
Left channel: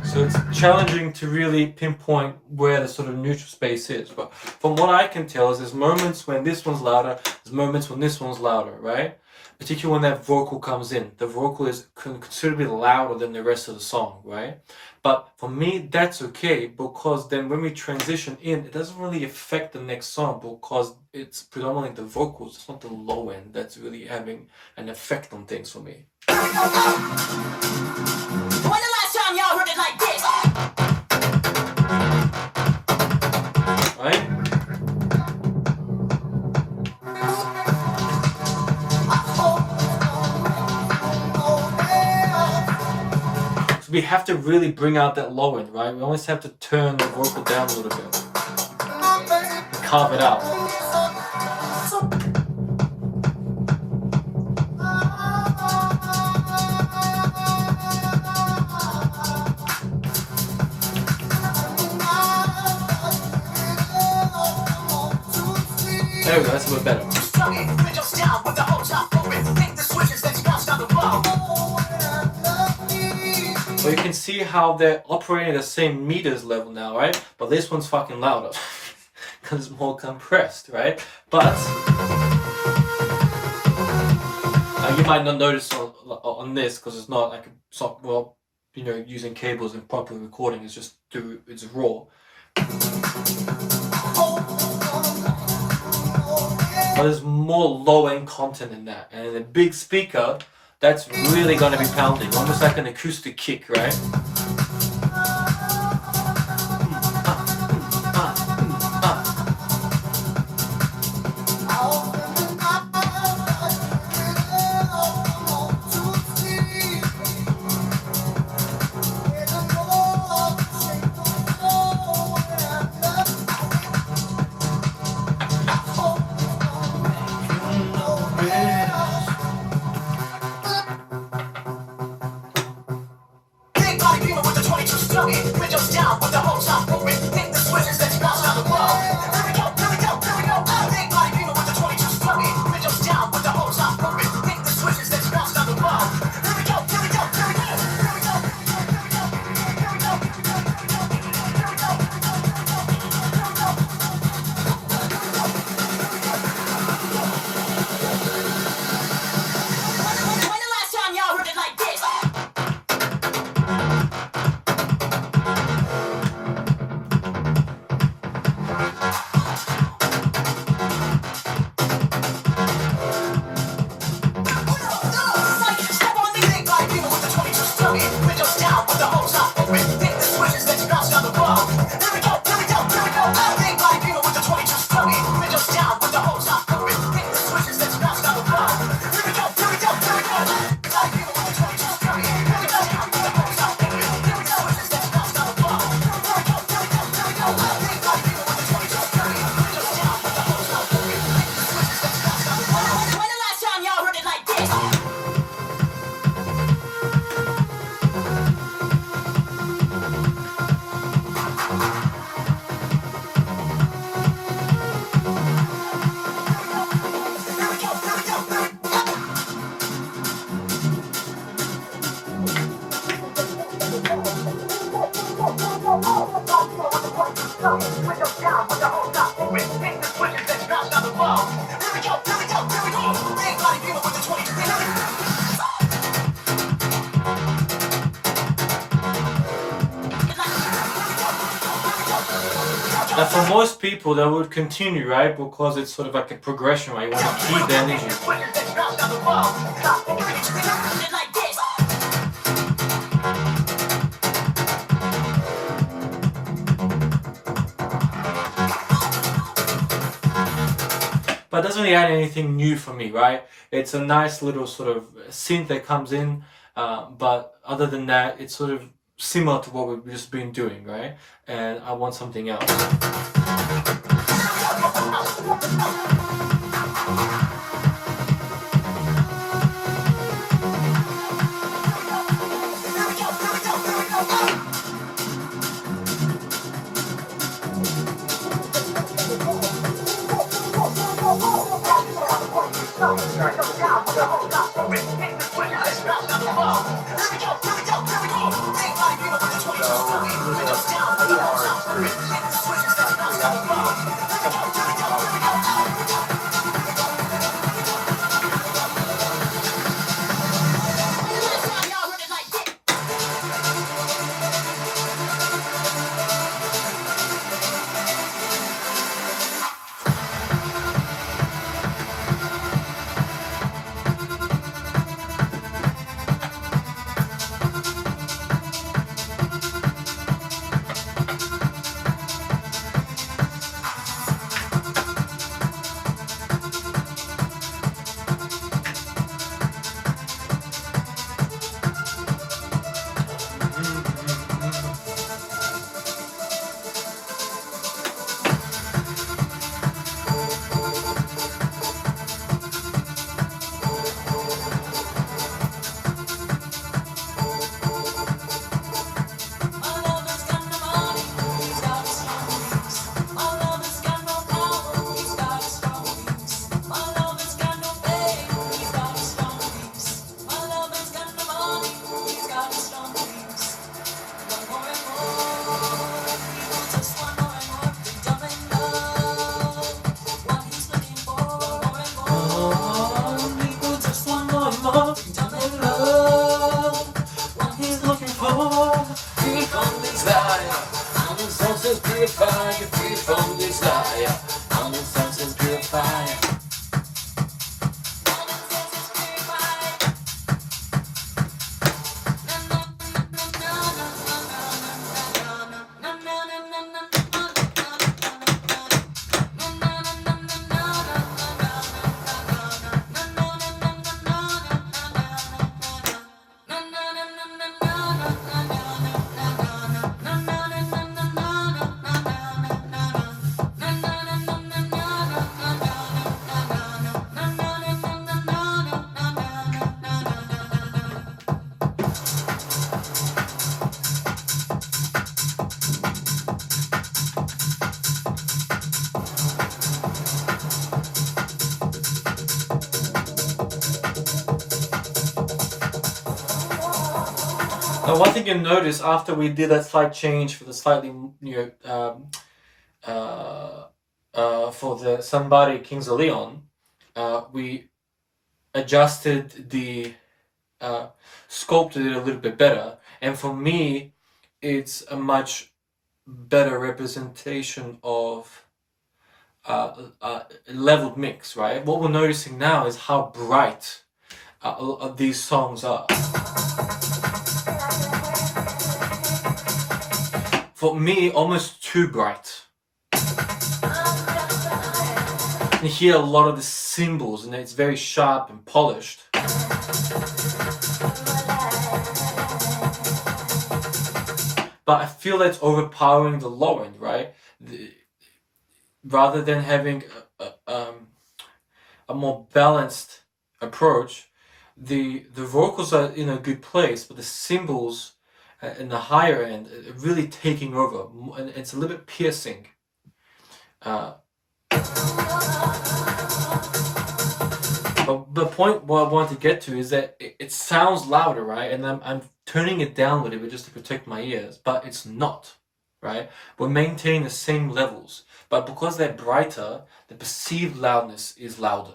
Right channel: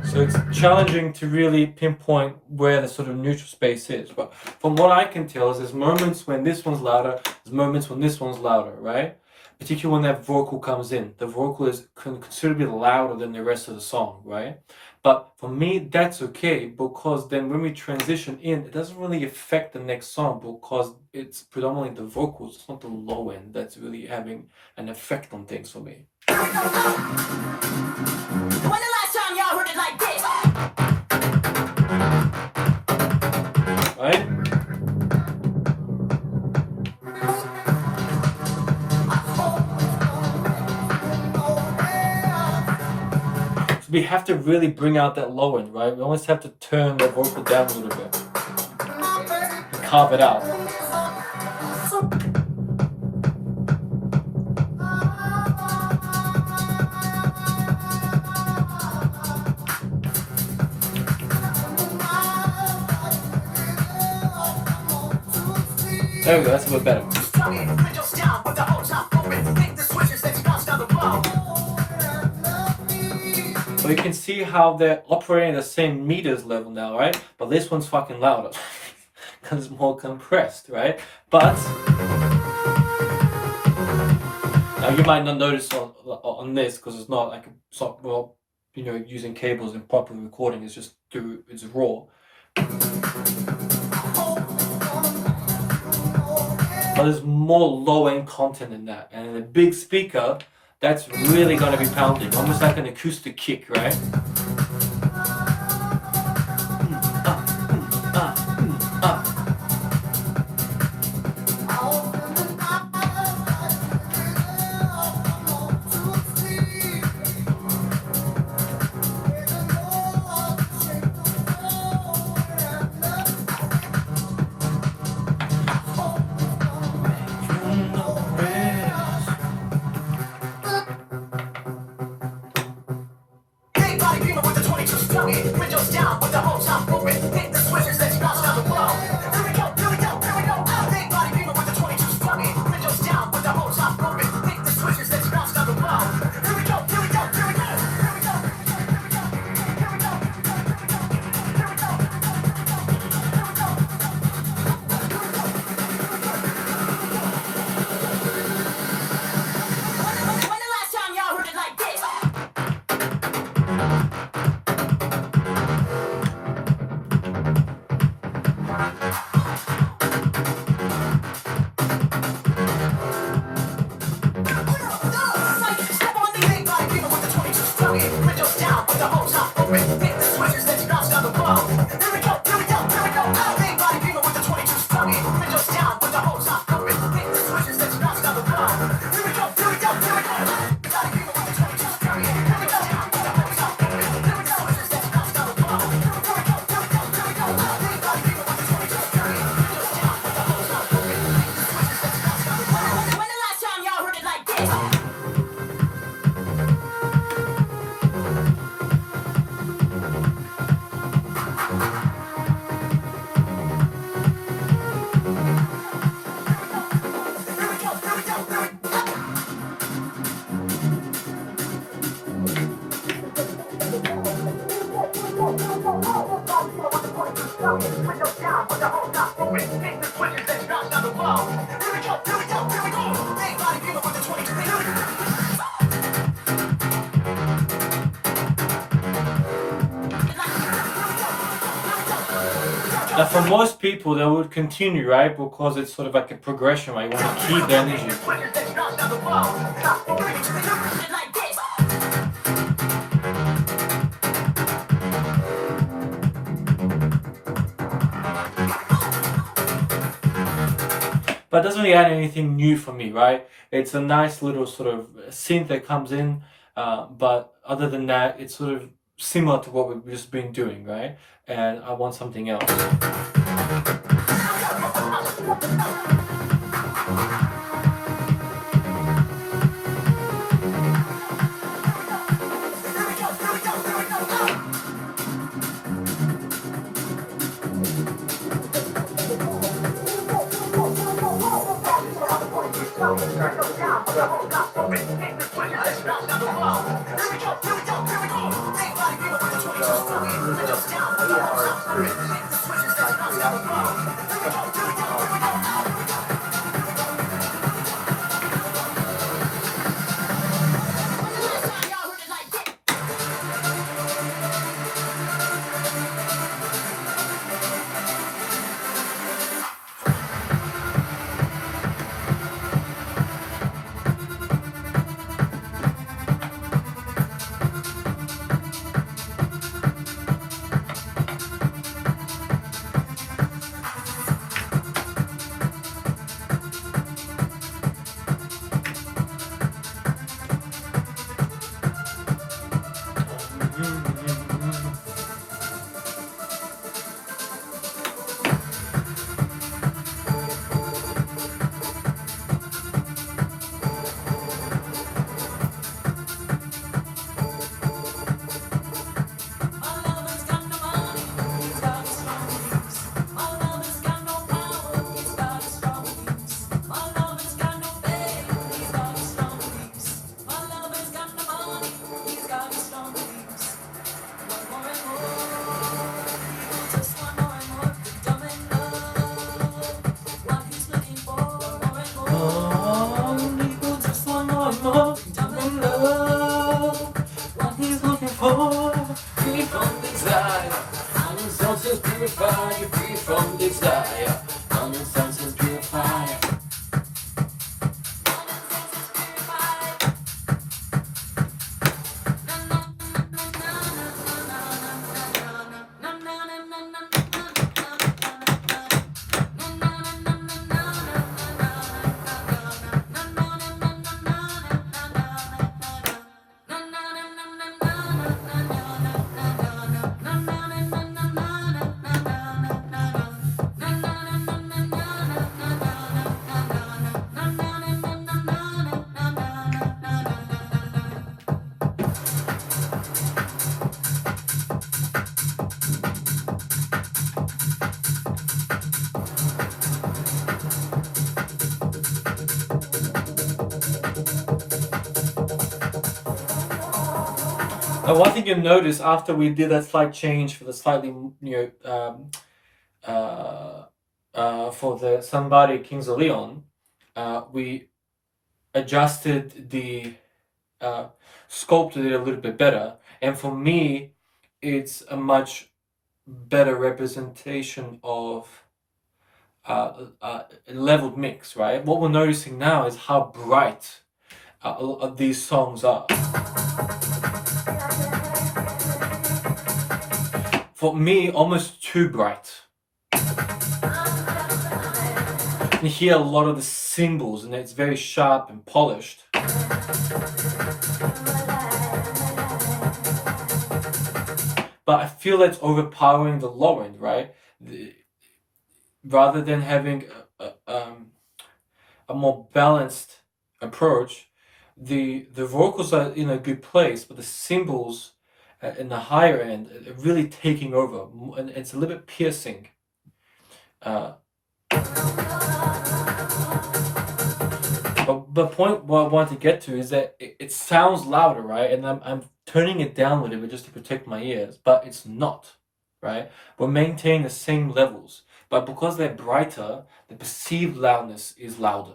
So it's challenging to really pinpoint where the sort of neutral space is. But from what I can tell is there's moments when this one's louder, there's moments when this one's louder, right? Particularly when that vocal comes in. The vocal is considerably louder than the rest of the song, right? But for me, that's okay, because then when we transition in, it doesn't really affect the next song because it's predominantly the vocals, it's not the low end that's really having an effect on things for me. When the last time y'all heard it like this? Right? So we have to really bring out that low end, right? We always have to turn the vocal down a little bit and carve it out. There we go, that's a bit better. So you can see how they're operating at the same meters level now, right? But this one's fucking louder because it's more compressed, right? But now you might not notice on this because it's not like well, you know, using cables and proper recording. It's just it's raw. But there's more low-end content in that, and in a big speaker, that's really going to be pounding, almost like an acoustic kick, right? Now for most people they would continue, right? Because it's sort of like a progression, right? You want to keep the energy. But it doesn't really add anything new for me, right? It's a nice little sort of synth that comes in, but other than that, it's sort of similar to what we've just been doing, right? And I want something else. purify you free from desire. Common sense is purified. One thing you'll notice after we did that slight change for the slightly, for the Somebody Kings of Leon, we adjusted the, sculpted it a little bit better. And for me, it's a much better representation of leveled mix, right? What we're noticing now is how bright these songs are. For me, almost too bright. You hear a lot of the cymbals and it's very sharp and polished. But I feel that's overpowering the low end, right? Rather than having a more balanced approach, the vocals are in a good place, but the cymbals in the higher end are really taking over, and it's a little bit piercing. But the point what I want to get to is that it sounds louder, right? And I'm turning it down a little bit just to protect my ears, but it's not, right? We're maintaining the same levels, but because they're brighter, the perceived loudness is louder.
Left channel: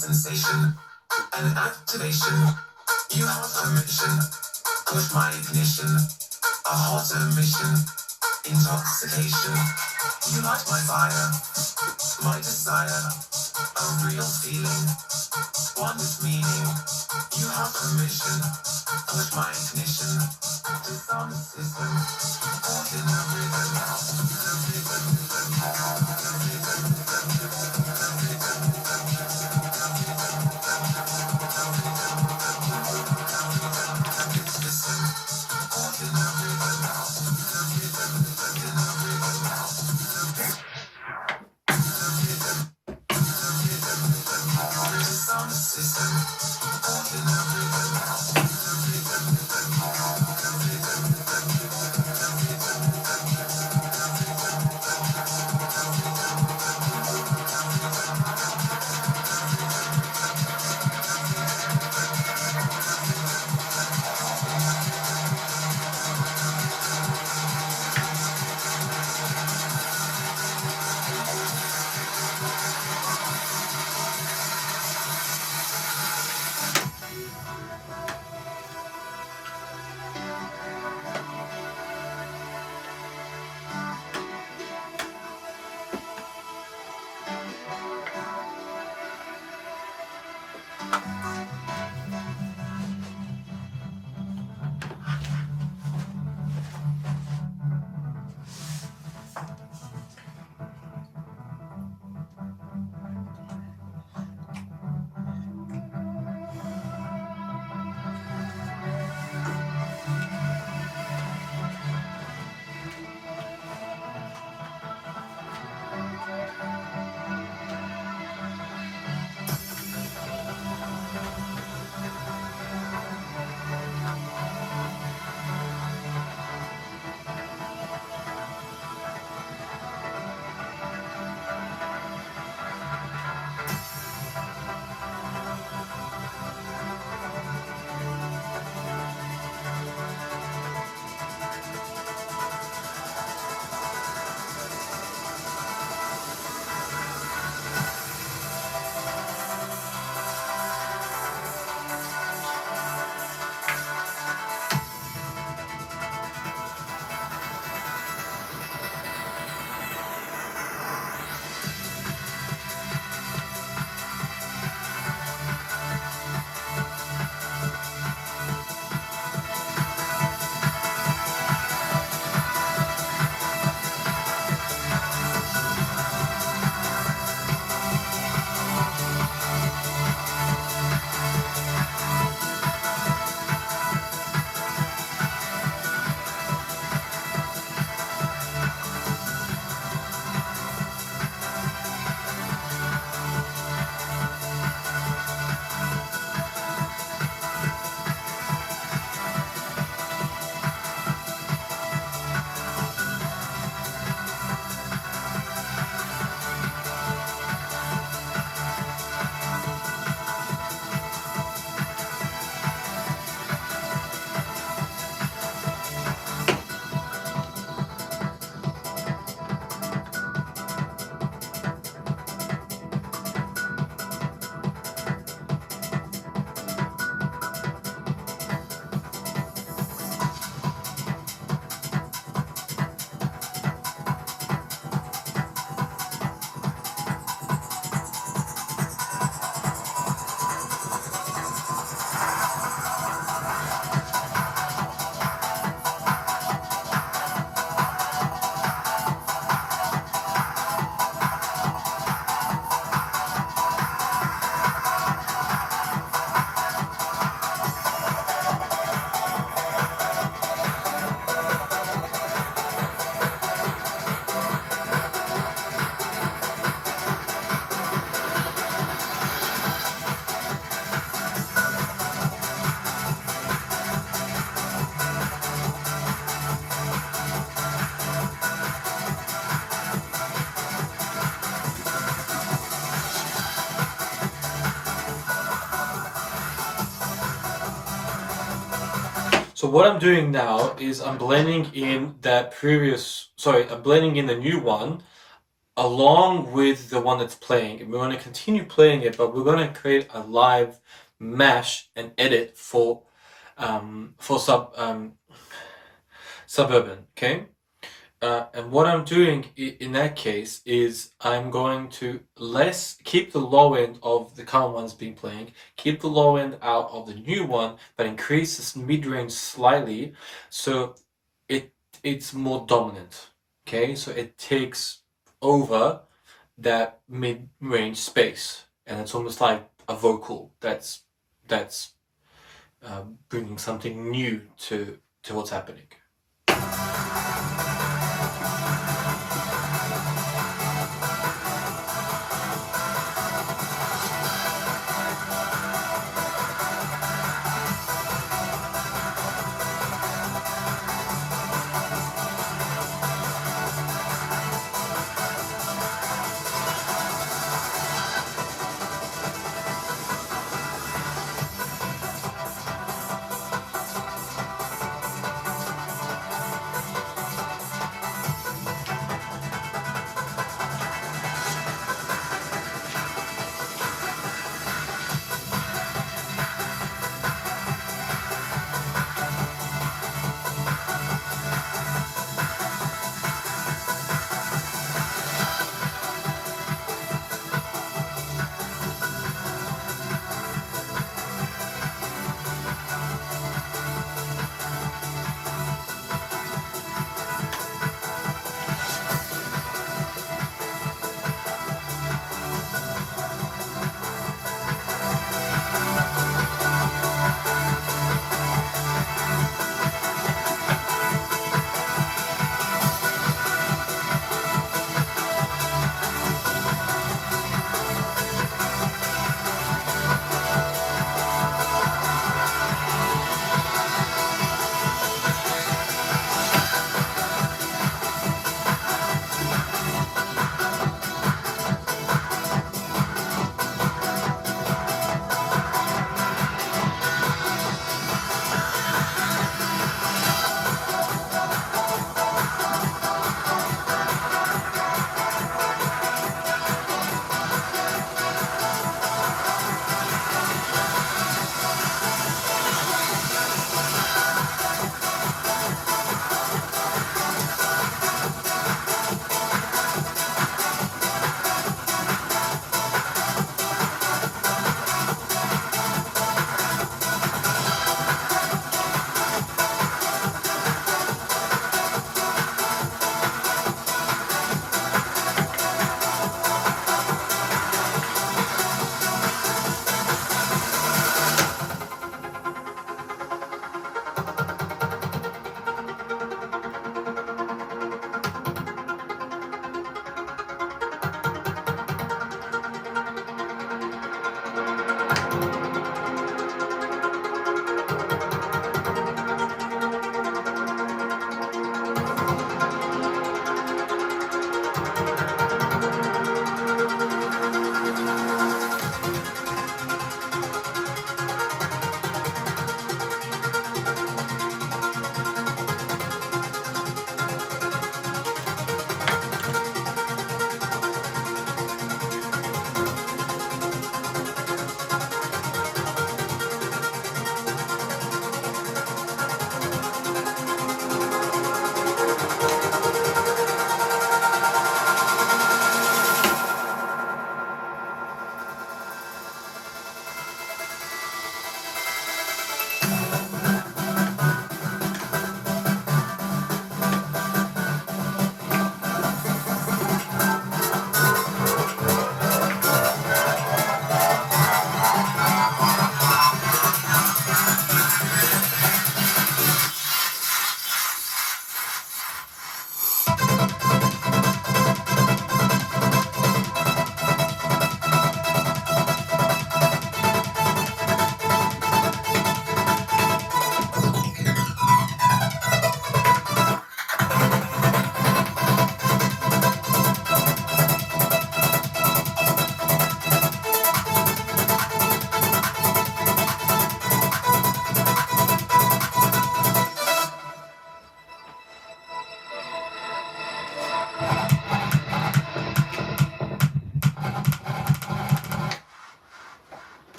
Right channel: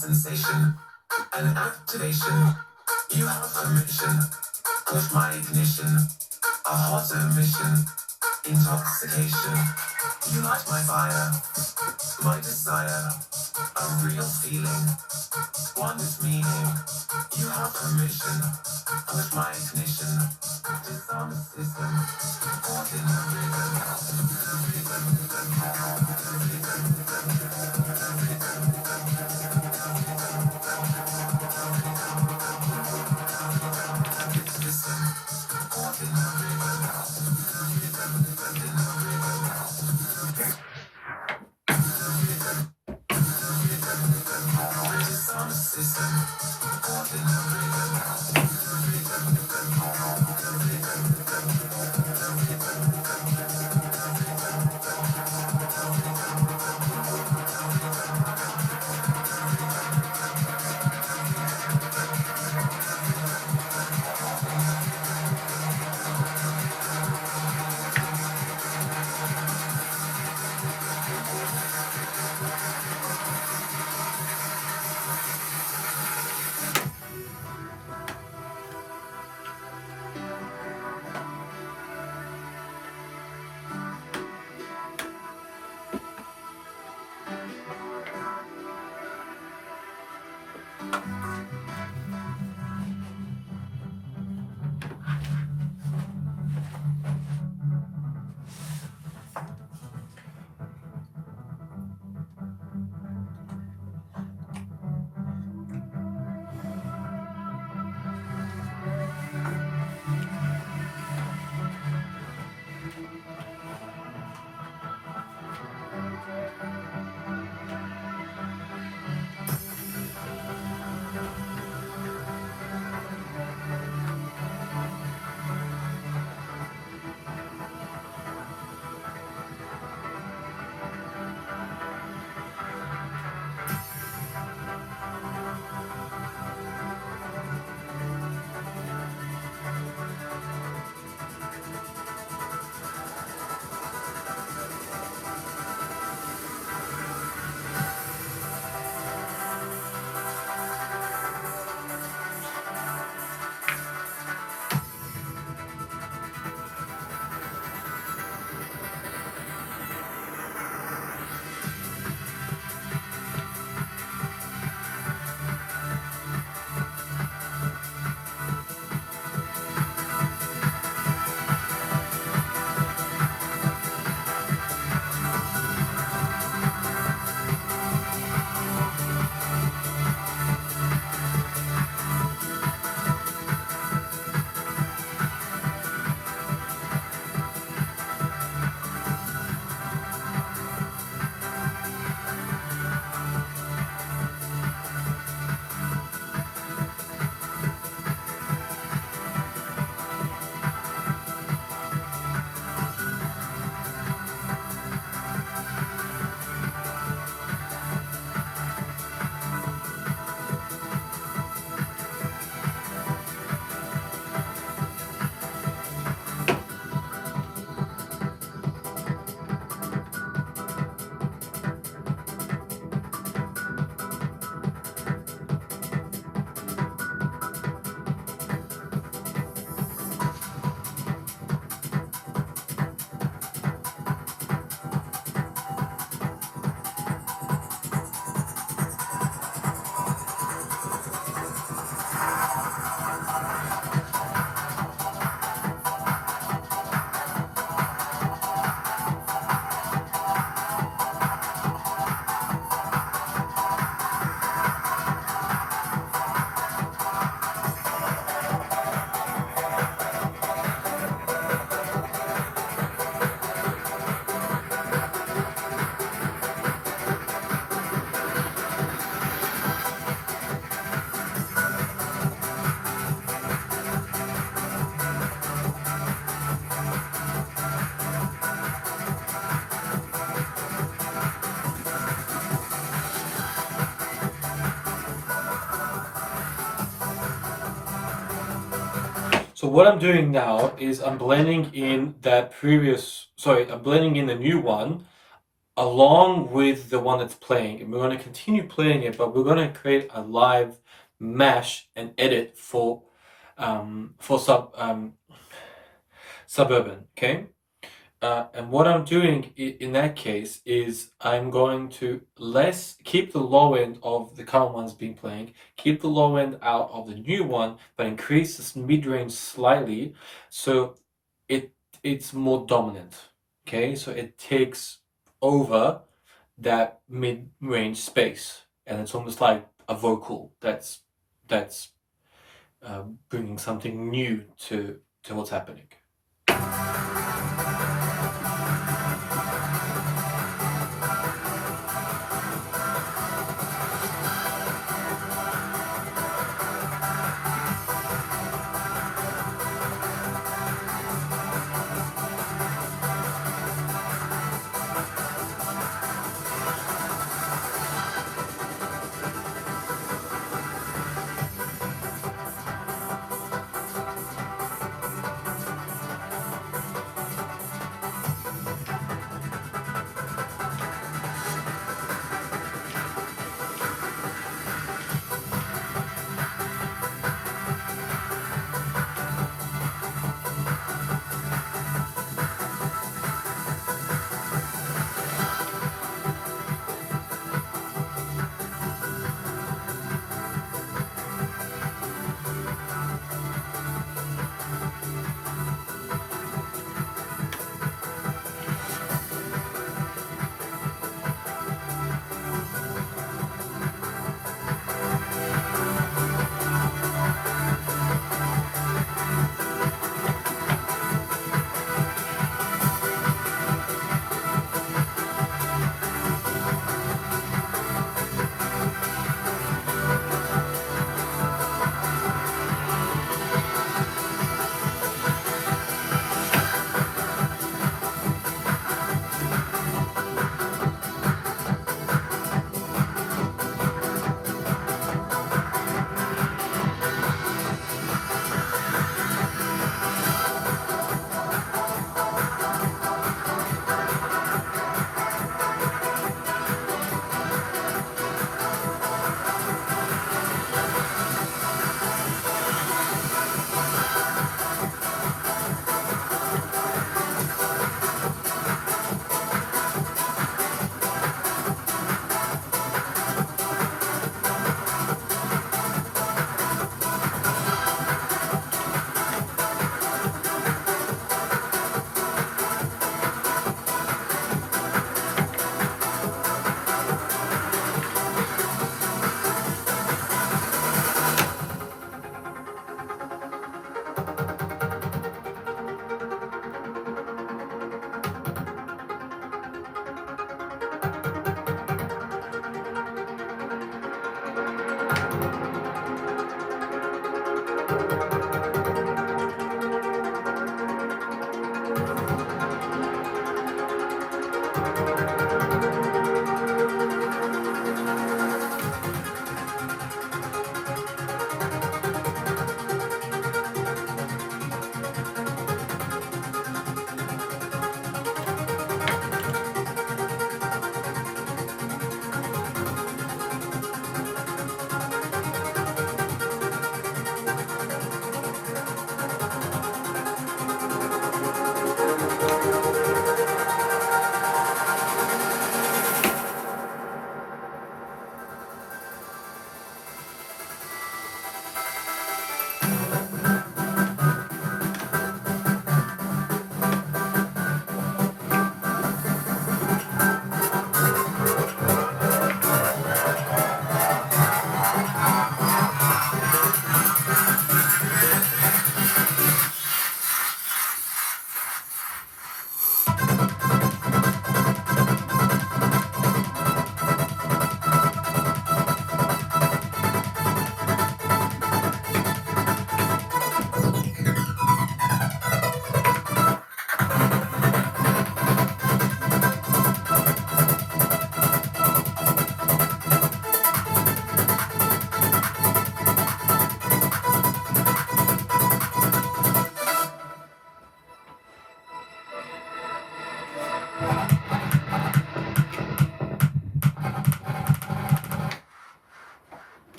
sensation, an activation. You have permission, push my ignition, a hotter mission, intoxication. You light my fire, my desire, a real feeling, one with meaning. You have permission, push my ignition, disarm the system, caught in the rhythm, the rhythm, the rhythm, listen, caught in the rhythm, disarm the system, caught in the rhythm. So what I'm doing now is I'm blending in I'm blending in the new one along with the one that's playing, and we're going to continue playing it, but we're going to create a live mash and edit for Suburban, okay? And what I'm doing in that case is I'm going to keep the low end of the current ones being playing, keep the low end out of the new one, but increase this mid-range slightly so it's more dominant, okay? So it takes over that mid-range space, and it's almost like a vocal that's bringing something new to what's happening.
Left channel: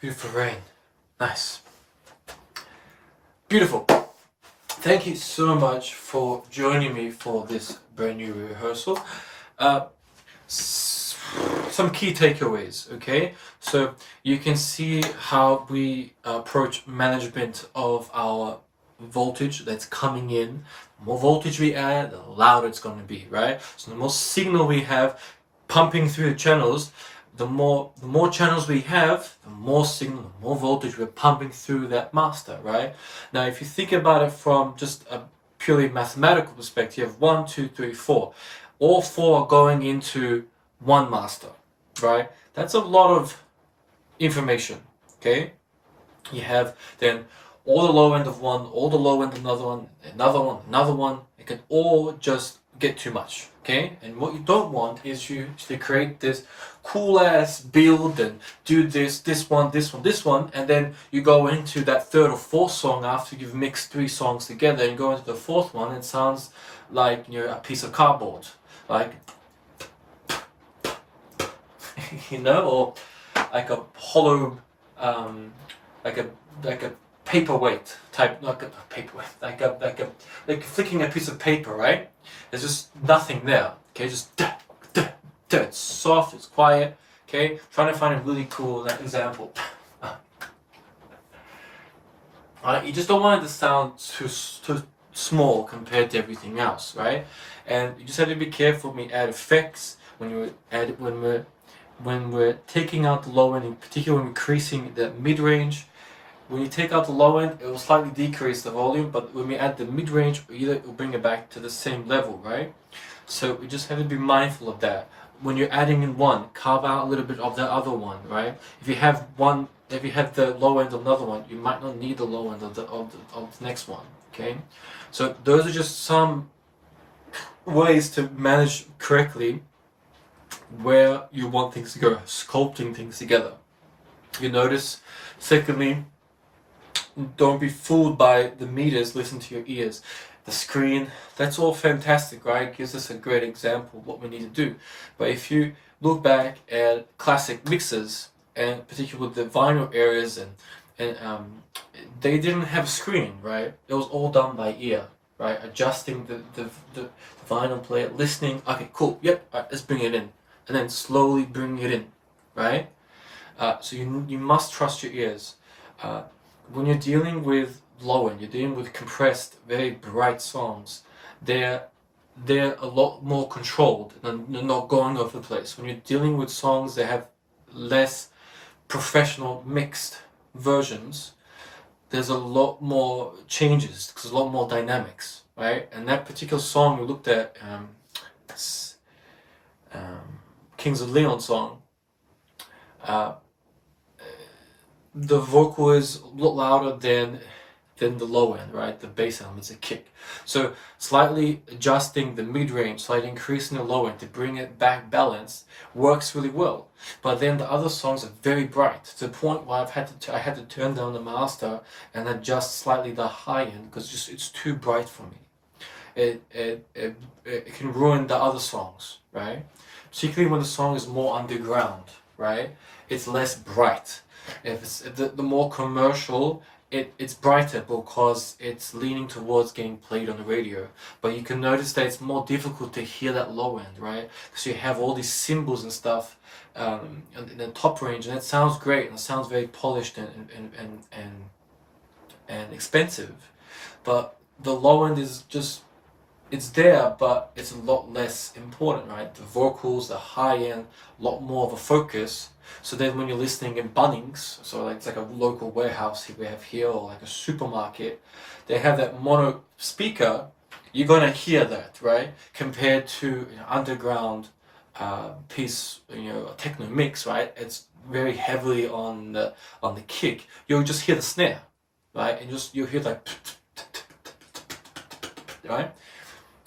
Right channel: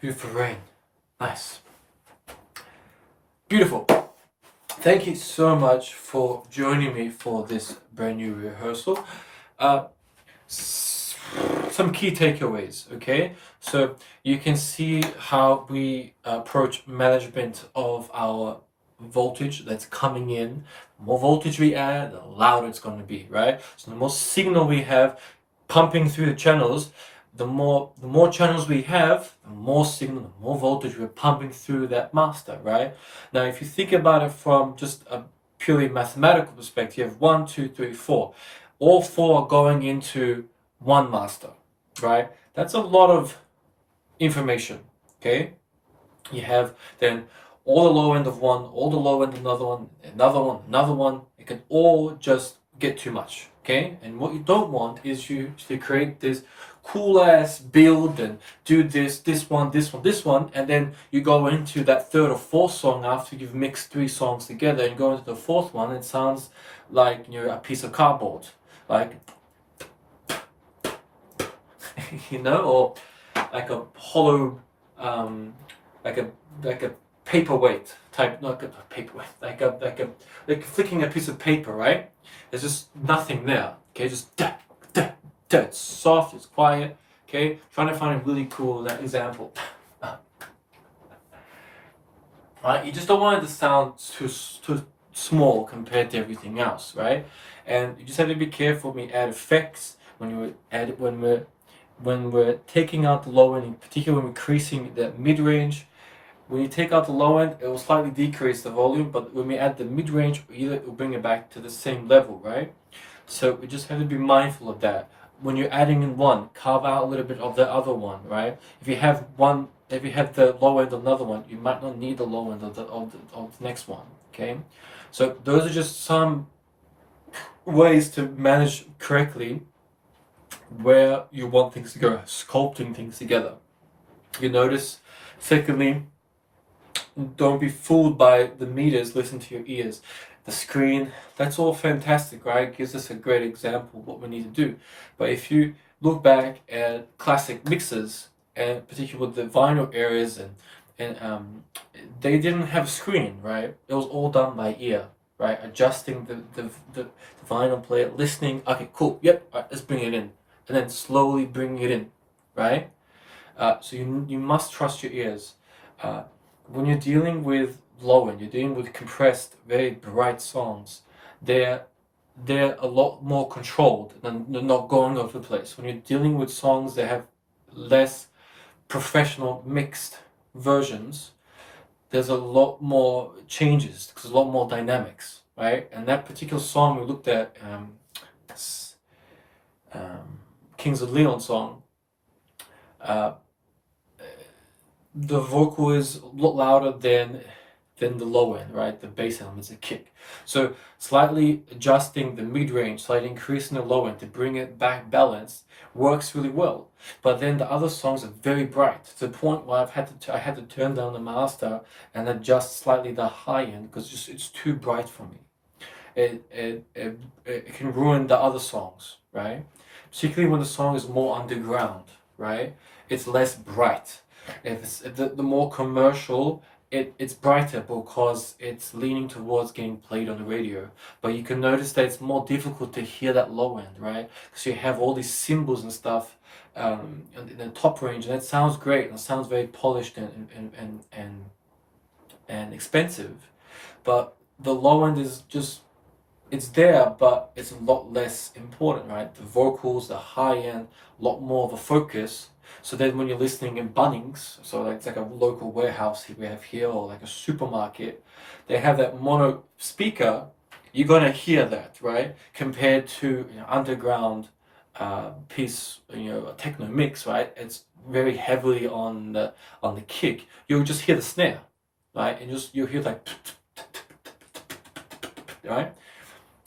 Beautiful rain. Nice. Beautiful. Thank you so much for joining me for this brand new rehearsal. Some key takeaways, okay? So you can see how we approach management of our voltage that's coming in. The more voltage we add, the louder it's going to be, right? So the more signal we have pumping through the channels, the more channels we have, the more signal, the more voltage we're pumping through that master, right? Now, if you think about it from just a purely mathematical perspective, you have 1, 2, 3, 4. All 4 are going into one master, right? That's a lot of information, okay? You have then all the low end of one, all the low end of another one, another one. It can all just get too much, okay? And what you don't want is you to create this cool ass build and do this one, and then you go into that third or fourth song after you've mixed 3 songs together and go into the fourth one, and it sounds like, you know, a piece of cardboard, like you know, or like a hollow, like a paperweight type, not a paperweight, like flicking a piece of paper, right? There's just nothing there. Okay, just it's soft, it's quiet. Okay, trying to find a really cool example. Right, you just don't want it to sound too small compared to everything else, right? And you just have to be careful when we add effects, when we're taking out the low end, in particular when we're increasing the mid-range. When you take out the low end, it will slightly decrease the volume, but when we add the mid-range, either it will bring it back to the same level, right? So we just have to be mindful of that. When you're adding in one, carve out a little bit of the other one, right? If you have the low end of another one, you might not need the low end of the next one, okay? So those are just some ways to manage correctly where you want things to go, sculpting things together. You notice, secondly, don't be fooled by the meters, listen to your ears. The screen, that's all fantastic, right? It gives us a great example of what we need to do. But if you look back at classic mixes, and particularly with the vinyl areas, and they didn't have a screen, right? It was all done by ear, right? Adjusting the vinyl player, listening, okay, cool, yep, right, let's bring it in. And then slowly bring it in, right? So you must trust your ears. When you're dealing with low end, you're dealing with compressed, very bright songs. They're a lot more controlled and they're not going over the place. When you're dealing with songs that have less professional mixed versions, there's a lot more changes, there's a lot more dynamics, right? And that particular song we looked at, Kings of Leon song, the vocal is a lot louder than the low end, right? The bass elements, a kick. So slightly adjusting the mid-range, slightly increasing the low end to bring it back balanced works really well. But then the other songs are very bright to the point where I had to turn down the master and adjust slightly the high end because it's too bright for me. It can ruin the other songs, right? Particularly when the song is more underground, right? It's less bright. If it's the more commercial, it's brighter because it's leaning towards getting played on the radio. But you can notice that it's more difficult to hear that low end, right? Because you have all these cymbals and stuff in the top range, and it sounds great and it sounds very polished and expensive. But the low end is just, it's there, but it's a lot less important, right? The vocals, the high end, a lot more of a focus. So then when you're listening in Bunnings, so like it's like a local warehouse we have here, or like a supermarket, they have that mono speaker, you're gonna hear that, right? Compared to underground piece, a techno mix, right? It's very heavily on the kick. You'll just hear the snare, right? And you'll hear like, right?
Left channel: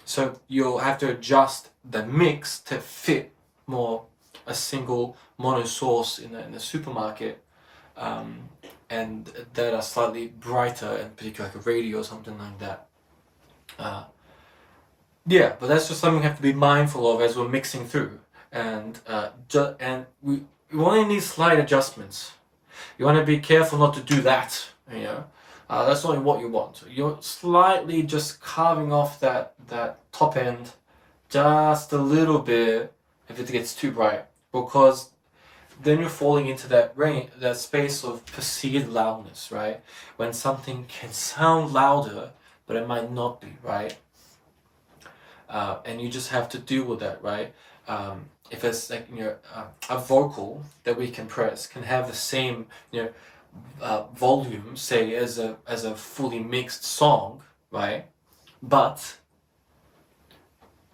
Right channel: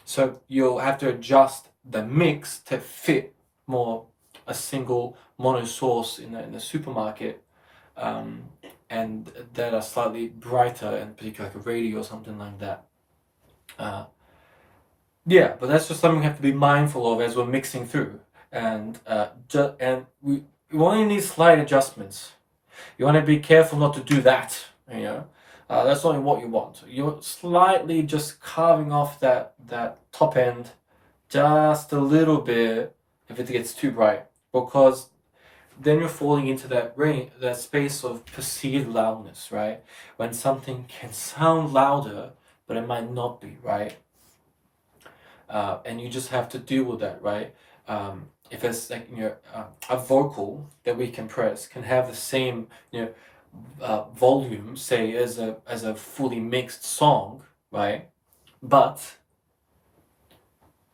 So you'll have to adjust the mix to fit more a single mono source in the supermarket, and that are slightly brighter, and particularly like a radio or something like that. Yeah, but that's just something we have to be mindful of as we're mixing through, and we only need slight adjustments. You want to be careful not to do that, you know. That's not what you want. You're slightly just carving off that top end just a little bit if it gets too bright, because then you're falling into that range, that space of perceived loudness, right? When something can sound louder, but it might not be, right? And you just have to deal with that, right? If it's like, you know, a vocal that we compress can have the same, you know, volume, say, as a fully mixed song, right? But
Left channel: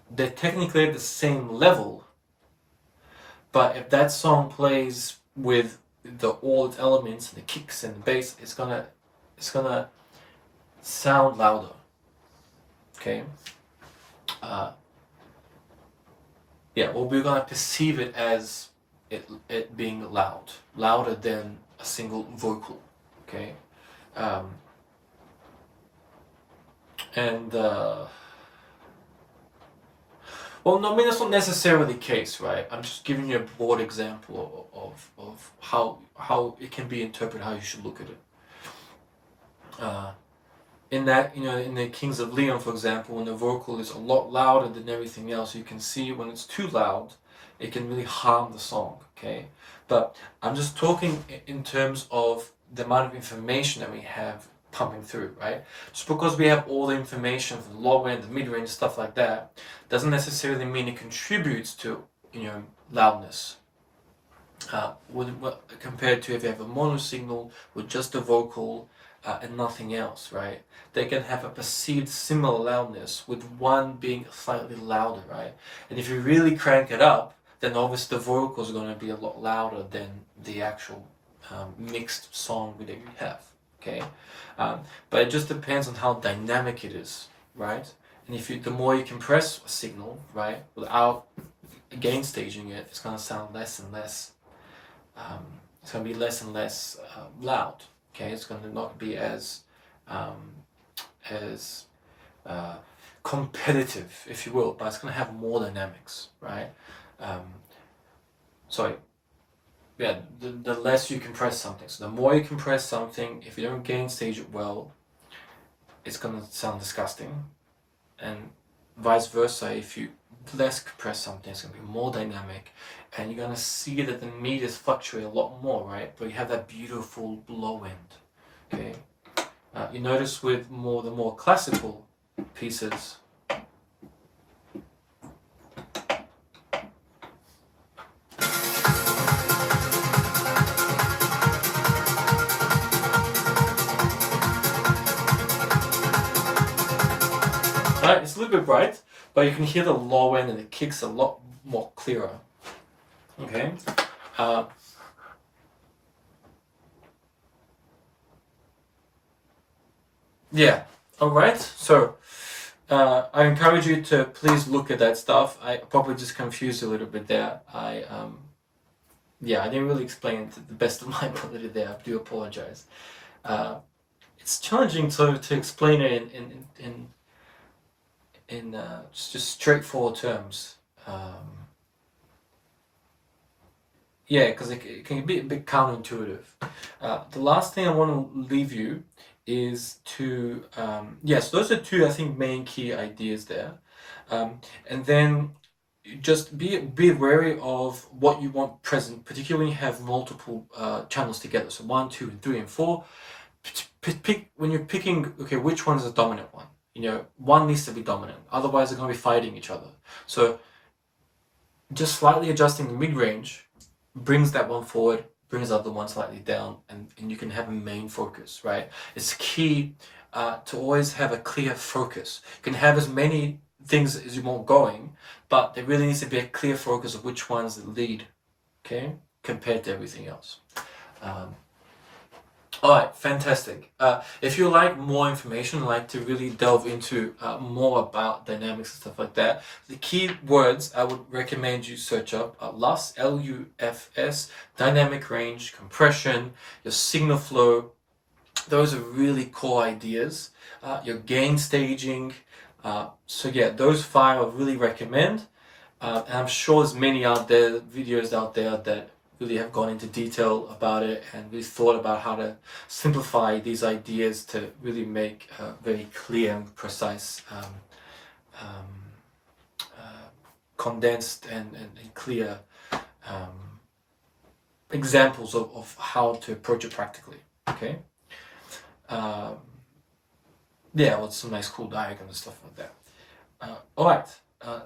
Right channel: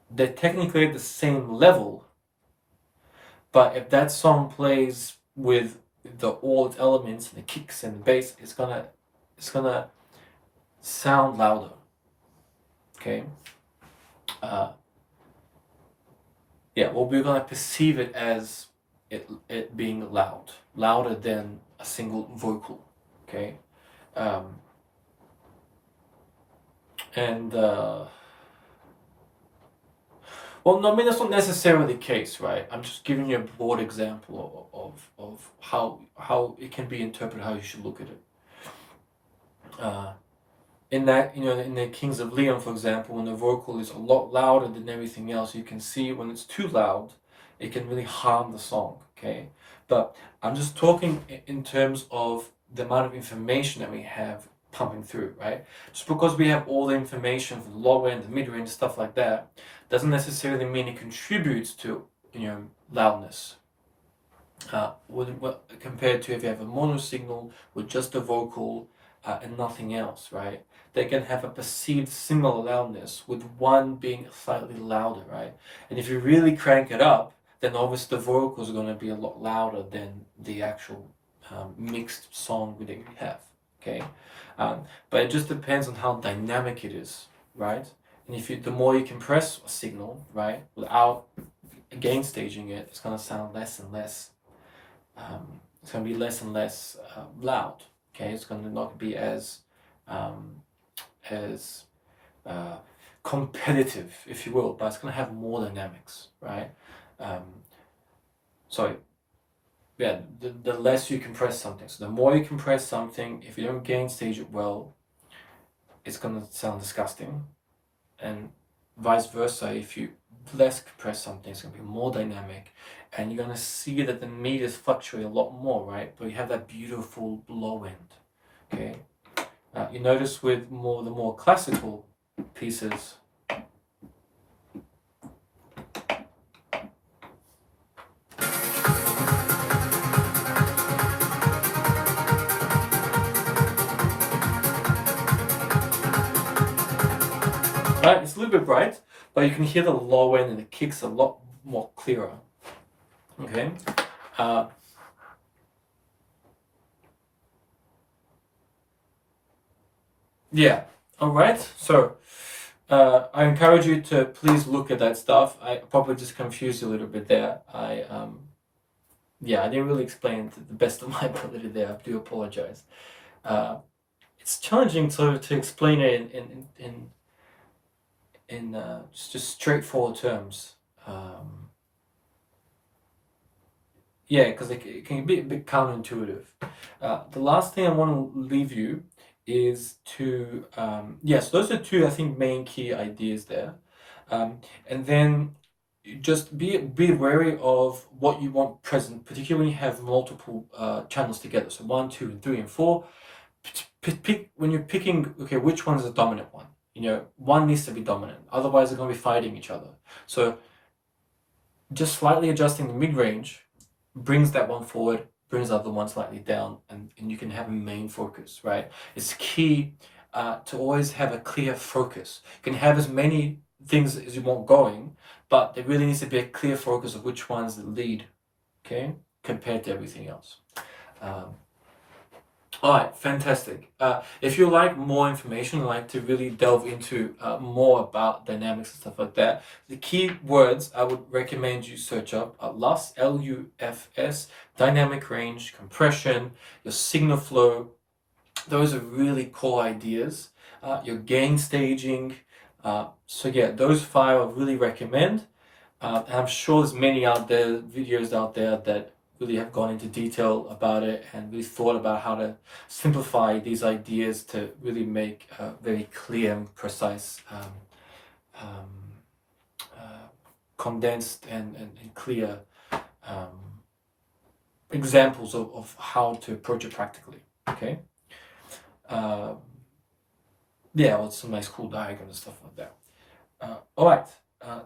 they're technically at the same level. But if that song plays with all its elements and the kicks and the bass, it's gonna sound louder. Okay. Yeah, well, we're gonna perceive it as it being louder than a single vocal. Okay. Well, no, I mean, that's not necessarily the case, right? I'm just giving you a broad example of how it can be interpreted, how you should look at it. In that, you know, in the Kings of Leon, for example, when the vocal is a lot louder than everything else, you can see when it's too loud, it can really harm the song, okay? But I'm just talking in terms of the amount of information that we have pumping through, right? Just because we have all the information from the low end, the mid range, stuff like that, doesn't necessarily mean it contributes to, you know, loudness. Compared to if you have a mono signal with just a vocal and nothing else, right? They can have a perceived similar loudness with one being slightly louder, right? And if you really crank it up, then obviously the vocals are going to be a lot louder than the actual mixed song that you have, okay? But it just depends on how dynamic it is, right? And if the more you compress a signal, right, without gain staging it, it's going to sound less and less. It's going to be less and less loud. Okay, it's going to not be as competitive, if you will, but it's going to have more dynamics, right? The less you compress something. So the more you compress something, if you don't gain stage it well, it's going to sound disgusting. And vice versa, if you less compress something, it's going to be more dynamic, and you're going to see that the meters fluctuate a lot more, right? But you have that beautiful low end, okay? You notice with the more classical pieces, right? It's a little bit bright, but you can hear the low end and the kicks a lot more clearer. Okay. Yeah. All right. So I encourage you to please look at that stuff. I probably just confused you a little bit there. I didn't really explain it to the best of my ability there. I do apologize. It's challenging to explain it in just straightforward terms. Because it can be a bit counterintuitive. The last thing I want to leave you is to, so those are two, I think, main key ideas there. And then just be wary of what you want present, particularly when you have multiple channels together. So 1, 2, and 3, and 4. Pick when you're picking, okay, which one is the dominant one? You know, one needs to be dominant. Otherwise, they're going to be fighting each other. So just slightly adjusting the mid-range brings that one forward, brings the other one slightly down, and you can have a main focus, right? It's key to always have a clear focus. You can have as many things as you want going, but there really needs to be a clear focus of which one's the lead, okay, compared to everything else. All right, fantastic. If you like more information, like to really delve into more about dynamics and stuff like that, the key words I would recommend you search up are LUFS, LUFS, dynamic range, compression, your signal flow. Those are really core ideas. Your gain staging. Those 5 I really recommend. And I'm sure there's many videos out there that really have gone into detail about it and really thought about how to simplify these ideas to really make very clear and precise, condensed and clear examples of how to approach it practically. Okay. Yeah, with some nice cool diagrams and stuff like that. All right.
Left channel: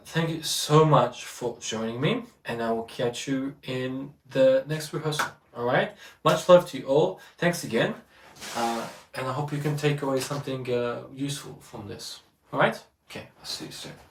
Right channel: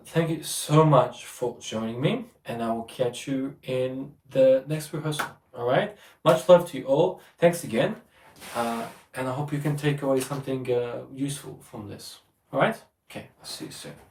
Thank you so much for joining me, and I will catch you in the next rehearsal. All right. Much love to you all. Thanks again, and I hope you can take away something useful from this. All right. Okay. I'll see you soon.